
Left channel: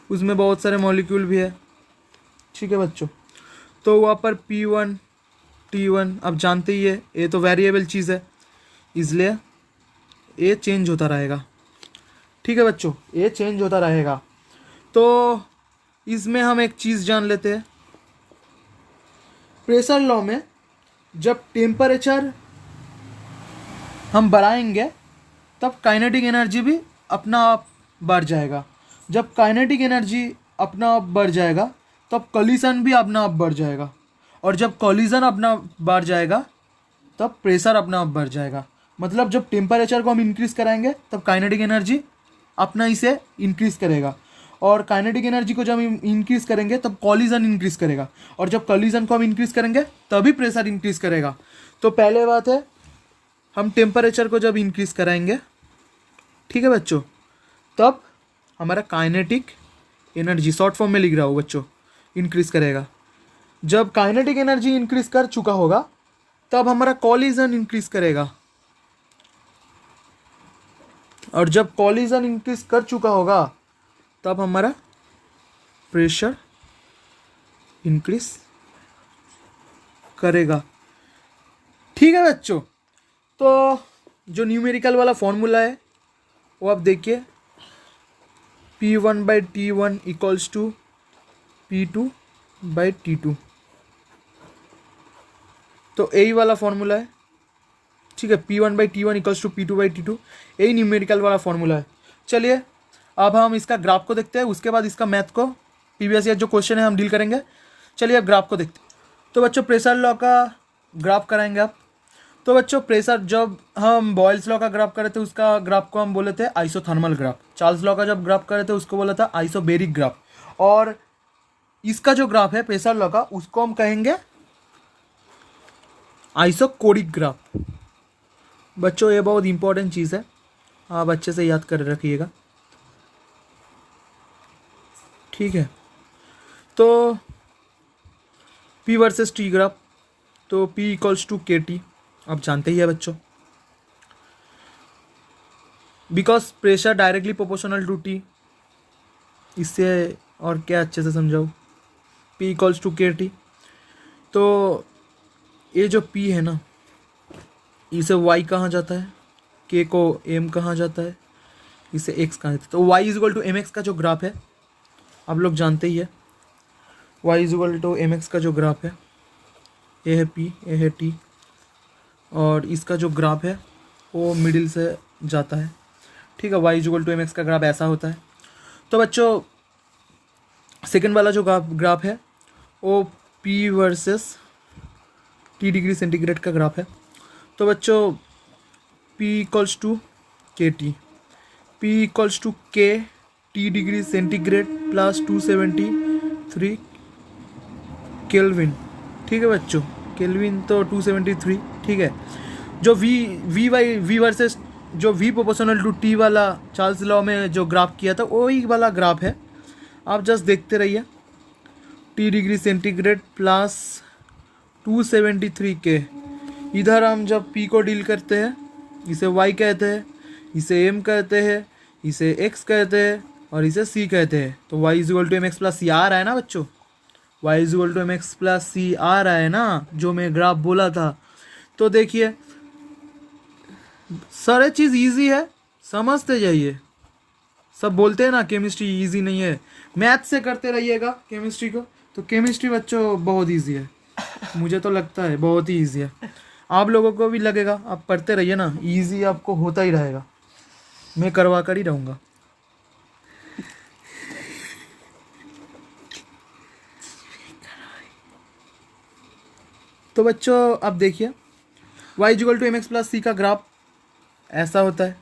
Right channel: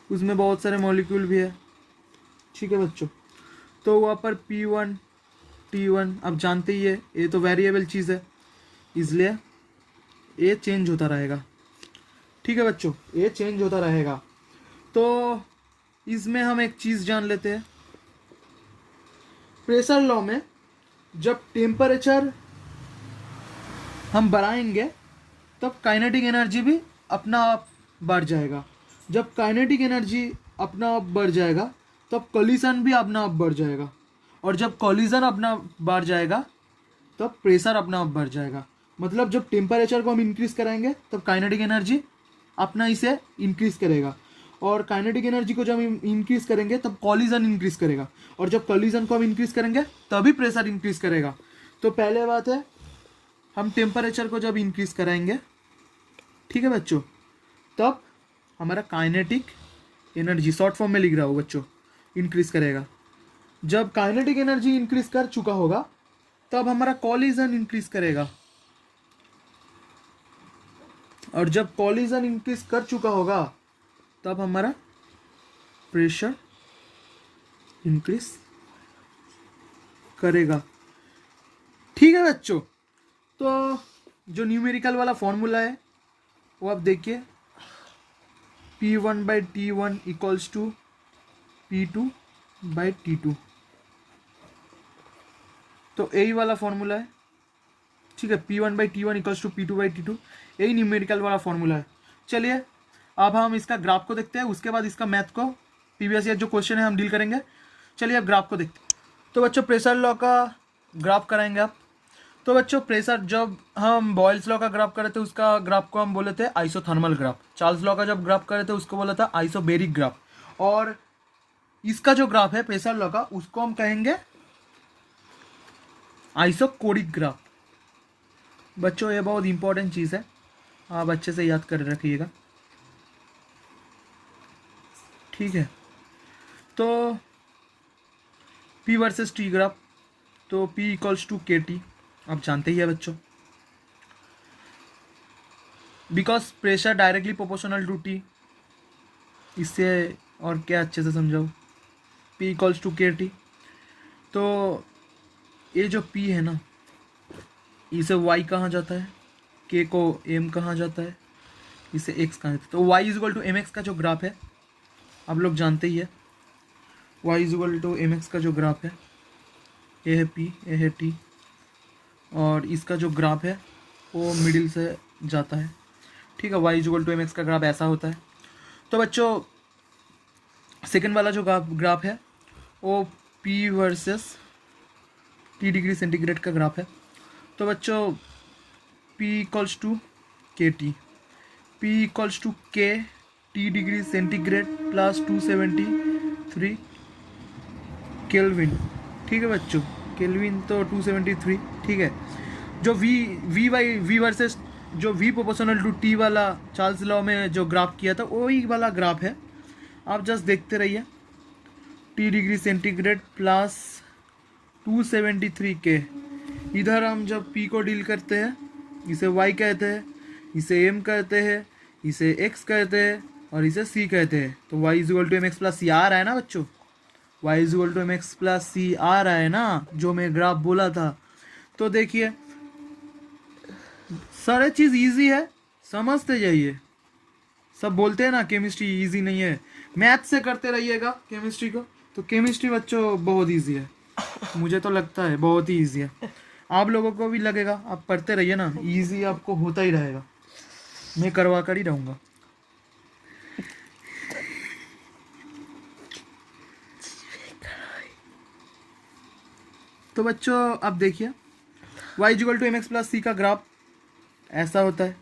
उसमें बहुत सारे मॉलिक्यूल भी है। ठीक है बच्चों, तो वहाँ पर P1 T1 आप जानते ही है, ये तो वेरिएबल चीज़ है, इसलिए ये चेंज होता रहेगा। ठीक है बच्चों, ये चेंज होता रहेगा। तो इसमें हम एक चीज़ जान लेते हैं, प्रेशर लॉ में जब टेम्परेचर हम बढ़ाएंगे तब काइनेटिक एनर्जी भी अपना आप बढ़ जाएगा। जब काइनेटिक एनर्जी अपना आप बढ़ जाएगा तब कॉलिजन भी अपना आप बढ़ जाएगा, और जब कॉलिजन अपना बढ़ जाएगा तब प्रेशर अपना आप बढ़ जाएगा। मतलब जब टेम्परेचर को हम इंक्रीज़ कराएंगे तब काइनेटिक एनर्जी अपना इसे इंक्रीज़ करेगा, और काइनेटिक एनर्जी को जब हम इंक्रीज़ करेंगे तब कॉलिजन इंक्रीज़ करेगा, और जब कॉलिजन को हम इंक्रीज़ करेंगे तभी प्रेशर इंक्रीज़ करेगा। तो पहले बात है, हम टेम्परेचर को जब इंक्रीज़ कराएंगे, ठीक है बच्चों, तब हमारा काइनेटिक एनर्जी, शॉर्ट फॉर्म में लिख रहा हूँ बच्चों, इंक्रीज़ करेगा। जब काइनेटिक एनर्जी इंक्रीज़ कर चुका होगा तब हमारा कॉलिजन इंक्रीज़ करेगा, और जब कॉलिजन इंक्रीज़ कर चुका होगा तब हमारा प्रेशर इंक्रीज करेगा। ठीक है बच्चों, तो जो न्यूमेरिकल वाला फॉर्मूला है वो आप देखिए, P1/T1 इक्वल्स टू P2/T2, तो यही वाला फॉर्मूला है। ठीक है, P1/T1 इक्वल्स टू P2/T2, यही न्यूमेरिकल वाला फॉर्मूला है। चलिए अब हम इसका ग्राफ को देखते हैं, उसके बाद इसका मैथ को, प्रीवियस ईयर जो क्वेश्चन है हम डील करेंगे। चलिए अब ग्राफ को देखते हैं। तो बच्चों प्रेशर लॉ का ग्राफ कराएंगे आप। तो बच्चों प्रेशर, जब हम बॉयल्स लॉ का ग्राफ करे थे उसका ग्राफ को हम बोले थे आइसोथर्मल ग्राफ, चार्ल्स लॉ का जब ग्राफ करे थे उसको बोला था आइसोबेरिक ग्राफ, और इसका जो ग्राफ है प्रेशर लॉ का उसको हम कहेंगे आइसोकोरिक ग्राफ। बच्चों ये बहुत इंपॉर्टेंट चीज़ है, आप अच्छे से याद कर रखिएगा। ठीक है, तो P वर्सेस T ग्राफ, तो P इक्वल्स टू KT, आप जानते ही है बच्चों, because pressure directly proportional to T। इससे और क्या अच्छे से समझाओ, P इक्वल्स टू KT। तो ये जो P है ना, इसे Y कहाँ जाता है, K को M कहाँ जाता है, इसे X कहाँ जाता है। तो Y is equal to MX का जो ग्राफ है आप लोग जानते ही है, y is equal to mx का जो ग्राफ है, ये है P, ये है T, और इसका जो ग्राफ है वो मिडिल से जाता है। ठीक है, y is equal to mx का ग्राफ ऐसा होता है। तो बच्चों सेकेंड वाला जो ग्राफ है वो P versus T degree centigrade का ग्राफ है। तो बच्चों P equals to K T. P equals to K T degree centigrade plus 273 kelvin. ठीक है बच्चों, केल्विन तो 273, ठीक है। जो वी वर्सेस जो वी प्रोपोर्शनल टू टी वाला चार्ल्स लॉ में जो ग्राफ किया था वही वाला ग्राफ है, आप जस्ट देखते रहिए। टी डिग्री सेंटीग्रेड प्लस 273 के, इधर हम जब पी को डील करते हैं इसे वाई कहते हैं, इसे एम कहते हैं, इसे एक्स कहते हैं और इसे सी कहते हैं। तो Y is equal to M X plus C आ रहा है ना बच्चों, Y is equal to M X plus C आ रहा है ना, जो मैं ग्राफ बोला था। तो देखिए सारे चीज़ इजी है, समझते जाइए। सब बोलते हैं ना केमिस्ट्री इजी नहीं है, मैथ से करते रहिएगा केमिस्ट्री को, तो केमिस्ट्री बच्चों बहुत इजी है। मुझे तो लगता है बहुत ही इजी है, आप लोगों को भी लगेगा, आप पढ़ते रहिए ना, इजी आपको होता ही रहेगा, मैं करवा कर ही रहूँगा। तो बच्चों अब देखिए y equal to M X plus C का ग्राफ ऐसा होता है।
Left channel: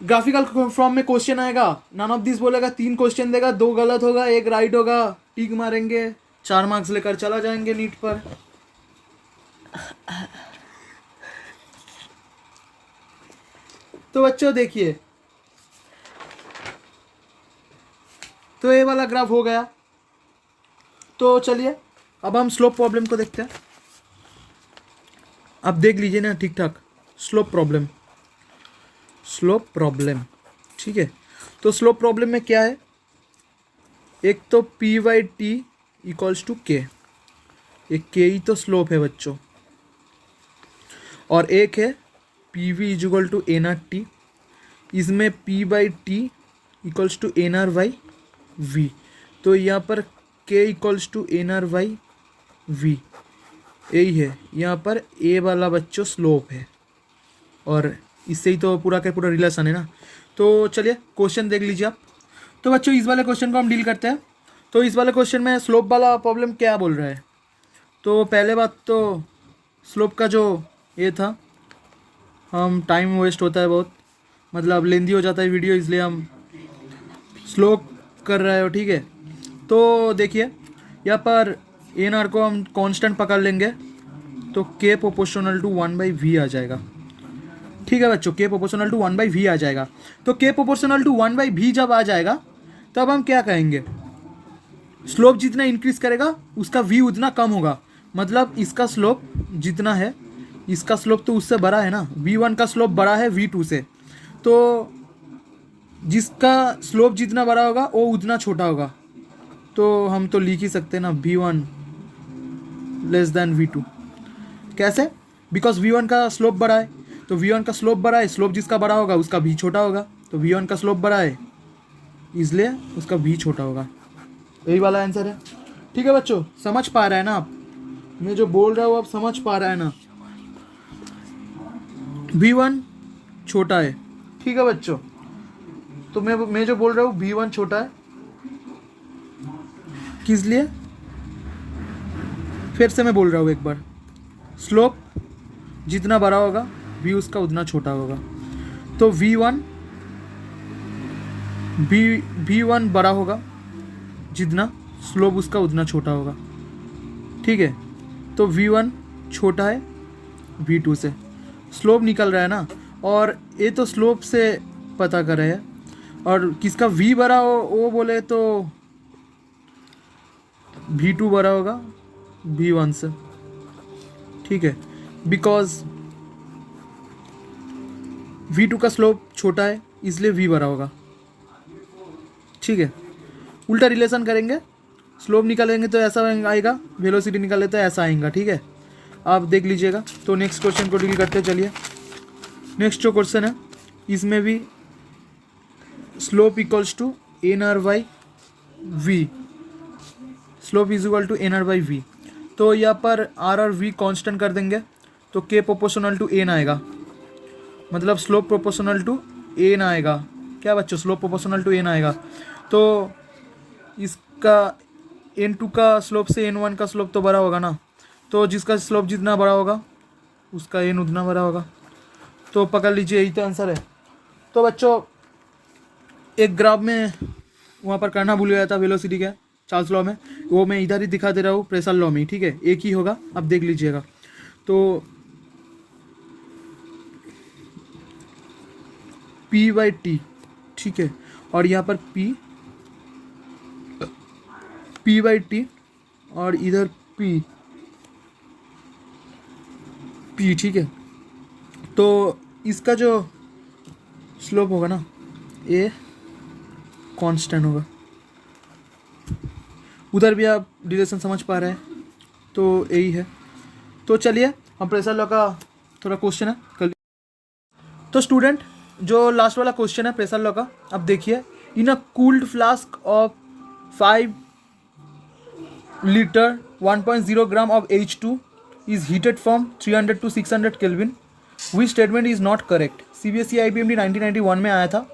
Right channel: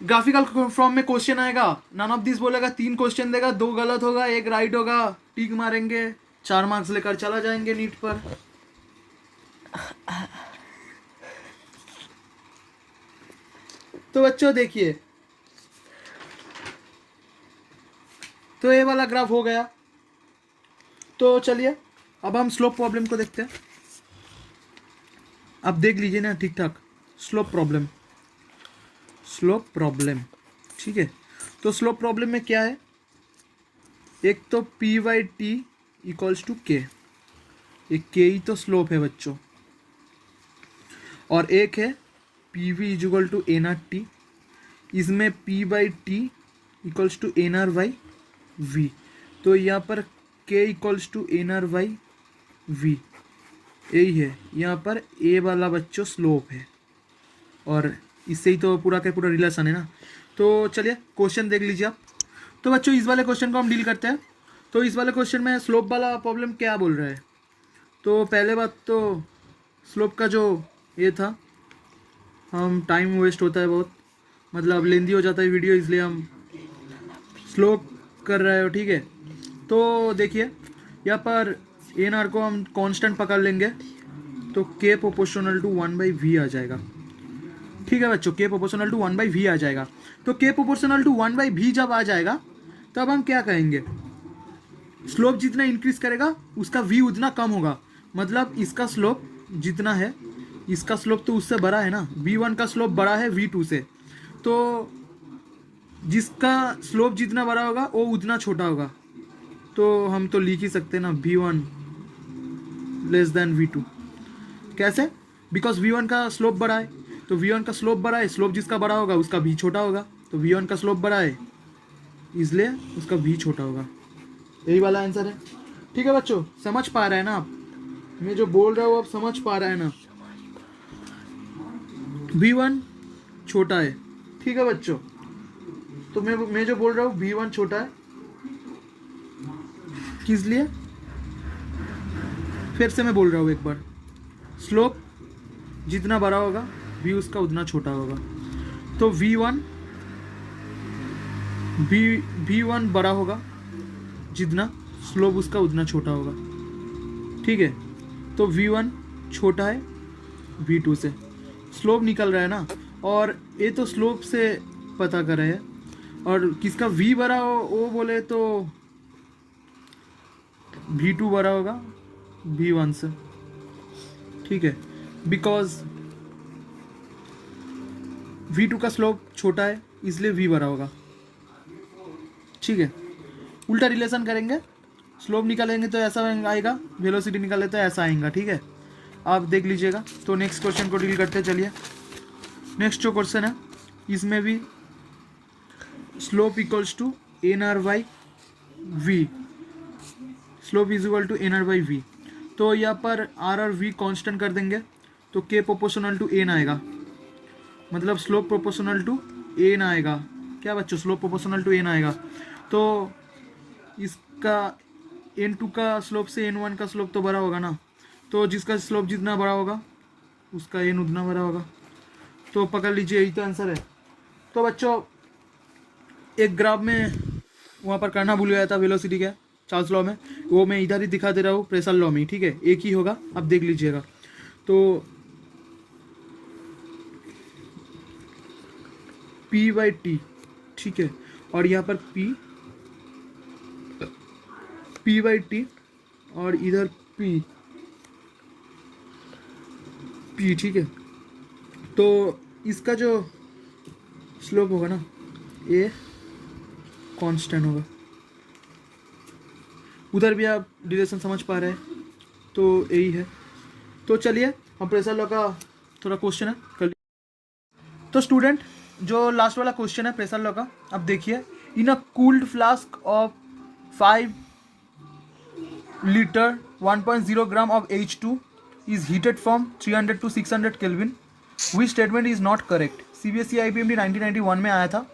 ग्राफिकल फॉर्म में क्वेश्चन आएगा, नन ऑफ दिस बोलेगा, 3 क्वेश्चन देगा, 2 गलत होगा 1 राइट होगा, टिक मारेंगे, 4 मार्क्स लेकर चला जाएंगे नीट पर। तो बच्चों देखिए, तो ये वाला ग्राफ हो गया। तो चलिए अब हम स्लोप प्रॉब्लम को देखते हैं। अब देख लीजिए ना ठीक ठाक, स्लोप प्रॉब्लम, ठीक है। तो स्लोप प्रॉब्लम में क्या है, एक तो P Y T equals to K, एक के ही तो स्लोप है बच्चों, और एक है P V is equal to N R T, इसमें P by T equals to N R by V. तो यहाँ पर K equals to N R by V, यही है यहाँ पर ए वाला बच्चों स्लोप है, और इससे ही तो पूरा का पूरा रिलेशन है ना। तो चलिए क्वेश्चन देख लीजिए आप। तो बच्चों इस वाले क्वेश्चन को हम डील करते हैं। तो इस वाले क्वेश्चन में स्लोप वाला प्रॉब्लम क्या बोल रहा है, तो पहले बात तो स्लोप का जो ये था, हम टाइम वेस्ट होता है बहुत, मतलब लेंदी हो जाता है वीडियो, इसलिए हम स्लो कर रहे हो, ठीक है। तो देखिए यहाँ पर एन आर को हम कांस्टेंट पकड़ लेंगे, तो के प्रोपोर्शनल टू 1/v आ जाएगा, ठीक है बच्चों, के प्रोपोर्शनल टू 1/v आ जाएगा। तो के प्रोपोर्शनल टू 1/v जब आ जाएगा तब हम क्या कहेंगे, स्लोप जितना इंक्रीज करेगा उसका v उतना कम होगा, मतलब इसका स्लोप जितना है, इसका स्लोप तो उससे बड़ा है ना, v1 का स्लोप बड़ा है v2 से, तो जिसका स्लोप जितना बड़ा होगा वो उतना छोटा होगा। तो हम तो लिख ही सकते हैं ना v1 लेस देन v2। कैसे, बिकॉज v1 का स्लोप बड़ा है, तो v1 का स्लोप बड़ा है, स्लोप जिसका बड़ा होगा उसका v छोटा होगा, तो v1 का स्लोप बड़ा है इसलिए उसका v छोटा होगा, यही वाला आंसर है। ठीक है बच्चों, समझ पा रहा है ना आप, मैं जो बोल रहा हूँ आप समझ पा रहा है ना, v1 छोटा है, ठीक है बच्चों। तो मैं जो बोल रहा हूँ v1 छोटा है, किस लिए, फिर से मैं बोल रहा हूँ एक बार, स्लोप जितना बड़ा होगा v उसका उतना छोटा होगा, तो v1 बड़ा होगा जितना, स्लोप उसका उतना छोटा होगा, ठीक है। तो v1 छोटा है v2 से, स्लोप निकल रहा है ना, और ये तो स्लोप से पता कर रहे हैं, और किसका v बड़ा हो वो बोले तो v2 बड़ा होगा v1 से, ठीक है, बिकॉज v2 का स्लोप छोटा है इसलिए v बड़ा होगा, ठीक है। उल्टा रिलेशन करेंगे, स्लोप निकालेंगे तो ऐसा आएगा, वेलोसिटी निकाले तो ऐसा आएगा, ठीक है। आप देख लीजिएगा। तो नेक्स्ट क्वेश्चन को डील करते चलिए। नेक्स्ट जो क्वेश्चन है इसमें भी slope equals to N R by V, slope is equal to N R by V. तो यहाँ पर आर और वी कांस्टेंट कर देंगे, तो के प्रोपोर्शनल टू एन आएगा, मतलब स्लोप प्रोपोर्शनल टू एन आएगा, क्या बच्चों, स्लोप प्रोपोर्शनल टू एन आएगा। तो इसका n2 का स्लोप से n1 का स्लोप तो बड़ा होगा ना, तो जिसका स्लोप जितना बड़ा होगा उसका n उतना बड़ा होगा, तो पकड़ लीजिए, यही तो आंसर है। तो बच्चों एक ग्राफ में वहाँ पर करना भूल गया था वेलोसिटी का, चार्ल्स लॉ में, वो मैं इधर ही दिखा दे रहा हूँ प्रेशर लॉ में, ठीक है, एक ही होगा, अब देख लीजिएगा। तो P/T, ठीक है, और यहाँ पर P/T और इधर P, ठीक है। तो इसका जो स्लोप होगा ना, ये कांस्टेंट होगा। उधर भी आप डिरेक्शन समझ पा रहे हैं, तो यही है। तो चलिए हम प्रेशर लॉ का थोड़ा क्वेश्चन है कर। तो स्टूडेंट जो लास्ट वाला क्वेश्चन है प्रेशर लॉ का, अब देखिए, in a cooled flask of 5 litre 1.0 gram of H2 is heated from 300 to 600 Kelvin. Which statement is not correct? CBSE IBMD 1991 में आया था।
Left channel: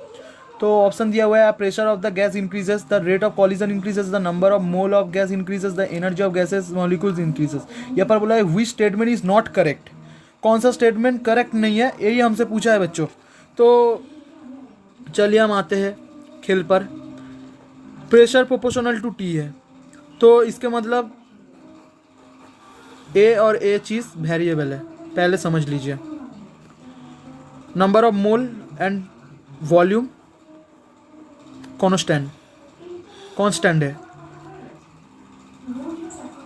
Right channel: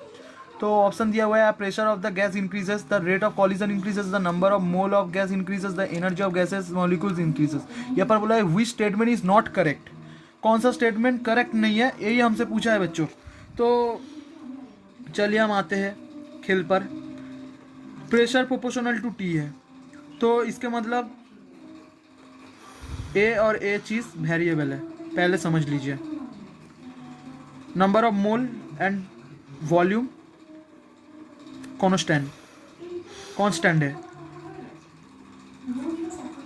तो ऑप्शन दिया हुआ है, pressure of the gas increases, the rate of collision increases, the number of mole of gas increases, the energy of gases molecules increases. यहाँ पर बोला है which statement is not correct, कौन सा स्टेटमेंट करेक्ट नहीं है, यही हमसे पूछा है बच्चों। तो चलिए हम आते हैं खेल पर। प्रेशर प्रोपोर्शनल टू टी है, तो इसके मतलब ए और ए चीज़ वेरिएबल है, पहले समझ लीजिए। Number of mole and volume constant है,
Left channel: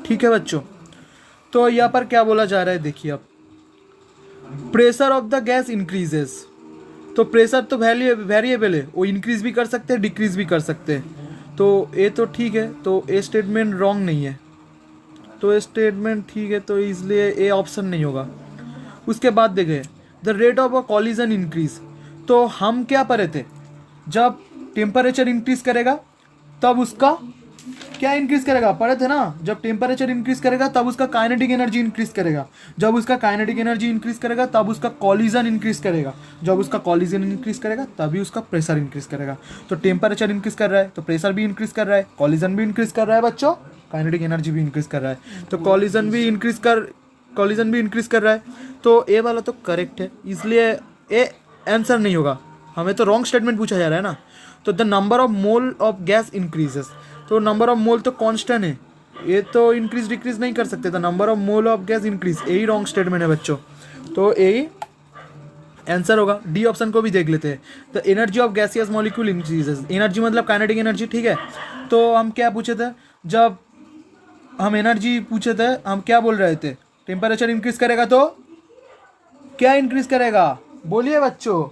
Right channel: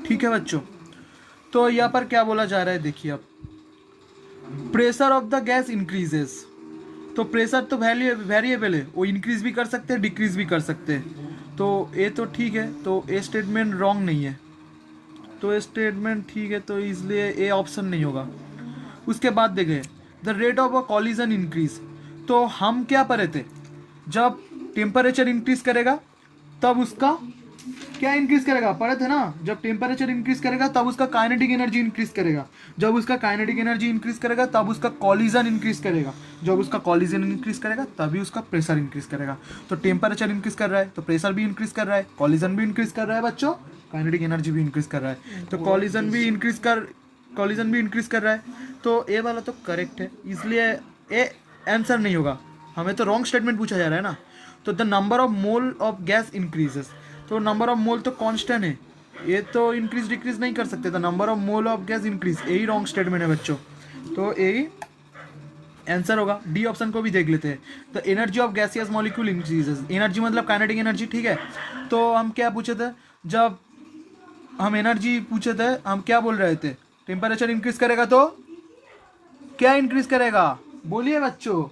ठीक है बच्चों। तो यहाँ पर क्या बोला जा रहा है, देखिए अब, pressure of the gas increases, तो प्रेशर तो वेरिएबल है, वो इंक्रीज भी कर सकते हैं, डिक्रीज भी कर सकते हैं। तो ए तो ठीक है, तो ए स्टेटमेंट रॉन्ग नहीं है, तो ए स्टेटमेंट ठीक है, तो इसलिए ए ऑप्शन नहीं होगा। उसके बाद देखें, the rate of a collision increase, तो हम क्या पढ़े थे, जब टेम्परेचर इंक्रीज करेगा तब उसका क्या इंक्रीज करेगा, पढ़े थे ना, जब टेम्परेचर इंक्रीज करेगा तब उसका काइनेटिक एनर्जी इंक्रीज करेगा, जब उसका काइनेटिक एनर्जी इंक्रीज करेगा तब उसका कॉलिजन इंक्रीज करेगा, जब उसका कॉलिजन इंक्रीज करेगा तभी उसका प्रेशर इंक्रीज करेगा। तो टेम्परेचर इंक्रीज कर रहा है तो प्रेशर भी इंक्रीज कर रहा है, कॉलिजन भी इंक्रीज कर रहा है बच्चों, काइनेटिक एनर्जी भी इंक्रीज कर रहा है, तो कॉलिजन भी इंक्रीज कर रहा है। तो ए वाला तो करेक्ट है, इसलिए ए आंसर नहीं होगा, हमें तो रॉन्ग स्टेटमेंट पूछा जा रहा है ना। तो the number of mole of gas increases, तो नंबर ऑफ मोल तो कांस्टेंट है, ये तो इंक्रीज डिक्रीज नहीं कर सकते, तो number of mole of gas increase, यही रॉन्ग स्टेटमेंट है बच्चों, तो यही आंसर होगा। डी ऑप्शन को भी देख लेते हैं, the energy of gaseous molecule increases, energy मतलब काइनेटिक एनर्जी, ठीक है। तो हम क्या पूछे थे, जब हम एनर्जी पूछे थे, हम क्या बोल रहे थे, टेम्परेचर इंक्रीज करेगा तो क्या इंक्रीज करेगा, बोलिए बच्चों,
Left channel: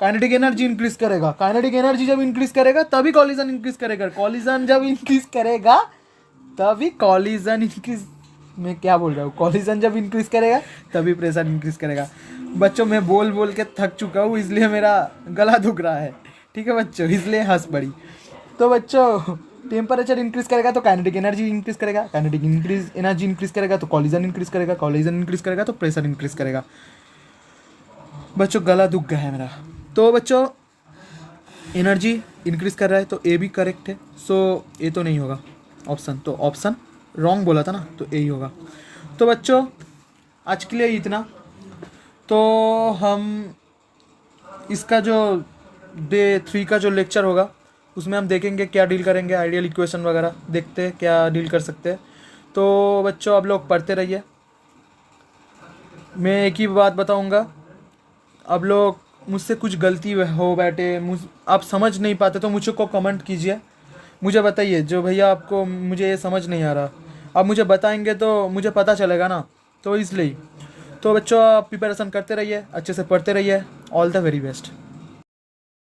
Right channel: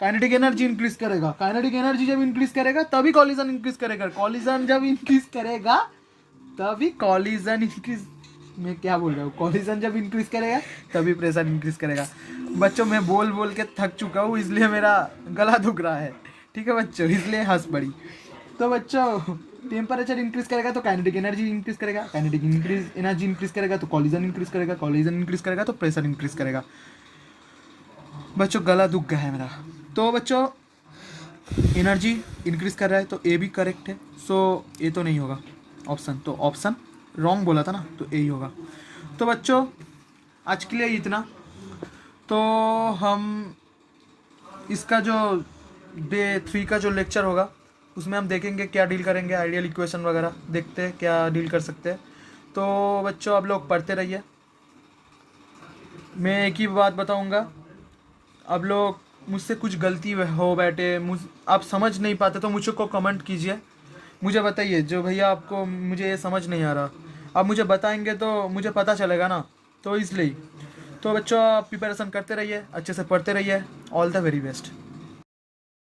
काइनेटिक एनर्जी इंक्रीज करेगा, काइनेटिक एनर्जी जब इंक्रीज करेगा तभी कॉलिजन इंक्रीज करेगा, कॉलिजन जब इंक्रीज करेगा तभी कॉलिजन इंक्रीज, मैं क्या बोल रहा हूँ, कॉलिजन जब इंक्रीज करेगा तभी प्रेशर इंक्रीज करेगा। बच्चों मैं बोल बोल के थक चुका हूँ, इसलिए मेरा गला दुख रहा है, ठीक है बच्चों, इसलिए हंस पड़ी। तो बच्चों टेम्परेचर इंक्रीज करेगा तो काइनेटिक एनर्जी इंक्रीज करेगा, काइनेटिक एनर्जी इंक्रीज करेगा तो कॉलिजन इंक्रीज करेगा, कॉलिजन इंक्रीज करेगा तो प्रेशर इंक्रीज करेगा। बच्चों गला दुख गया है मेरा। तो बच्चों एनर्जी इंक्रीज कर रहा है तो ए भी करेक्ट है, सो ए तो नहीं होगा ऑप्शन, तो ऑप्शन रॉन्ग बोला था ना, तो ए ही होगा। तो बच्चों आज के लिए इतना, तो हम इसका जो डे 3 का जो लेक्चर होगा उसमें हम देखेंगे क्या डील करेंगे, आइडियल इक्वेशन वगैरह देखते हैं क्या डील कर सकते हैं। तो बच्चों आप लोग पढ़ते रहिए, मैं एक ही बात बताऊंगा, आप लोग मुझसे कुछ गलती हो बैठे, आप समझ नहीं पाते तो मुझे को कमेंट कीजिए, मुझे बताइए, जो भैया आपको मुझे ये समझ नहीं आ रहा, आप मुझे बताएंगे तो मुझे पता चलेगा ना, तो इसलिए। तो बच्चों आप प्रिपरेशन करते रहिए, अच्छे से पढ़ते रहिए, ऑल द वेरी बेस्ट।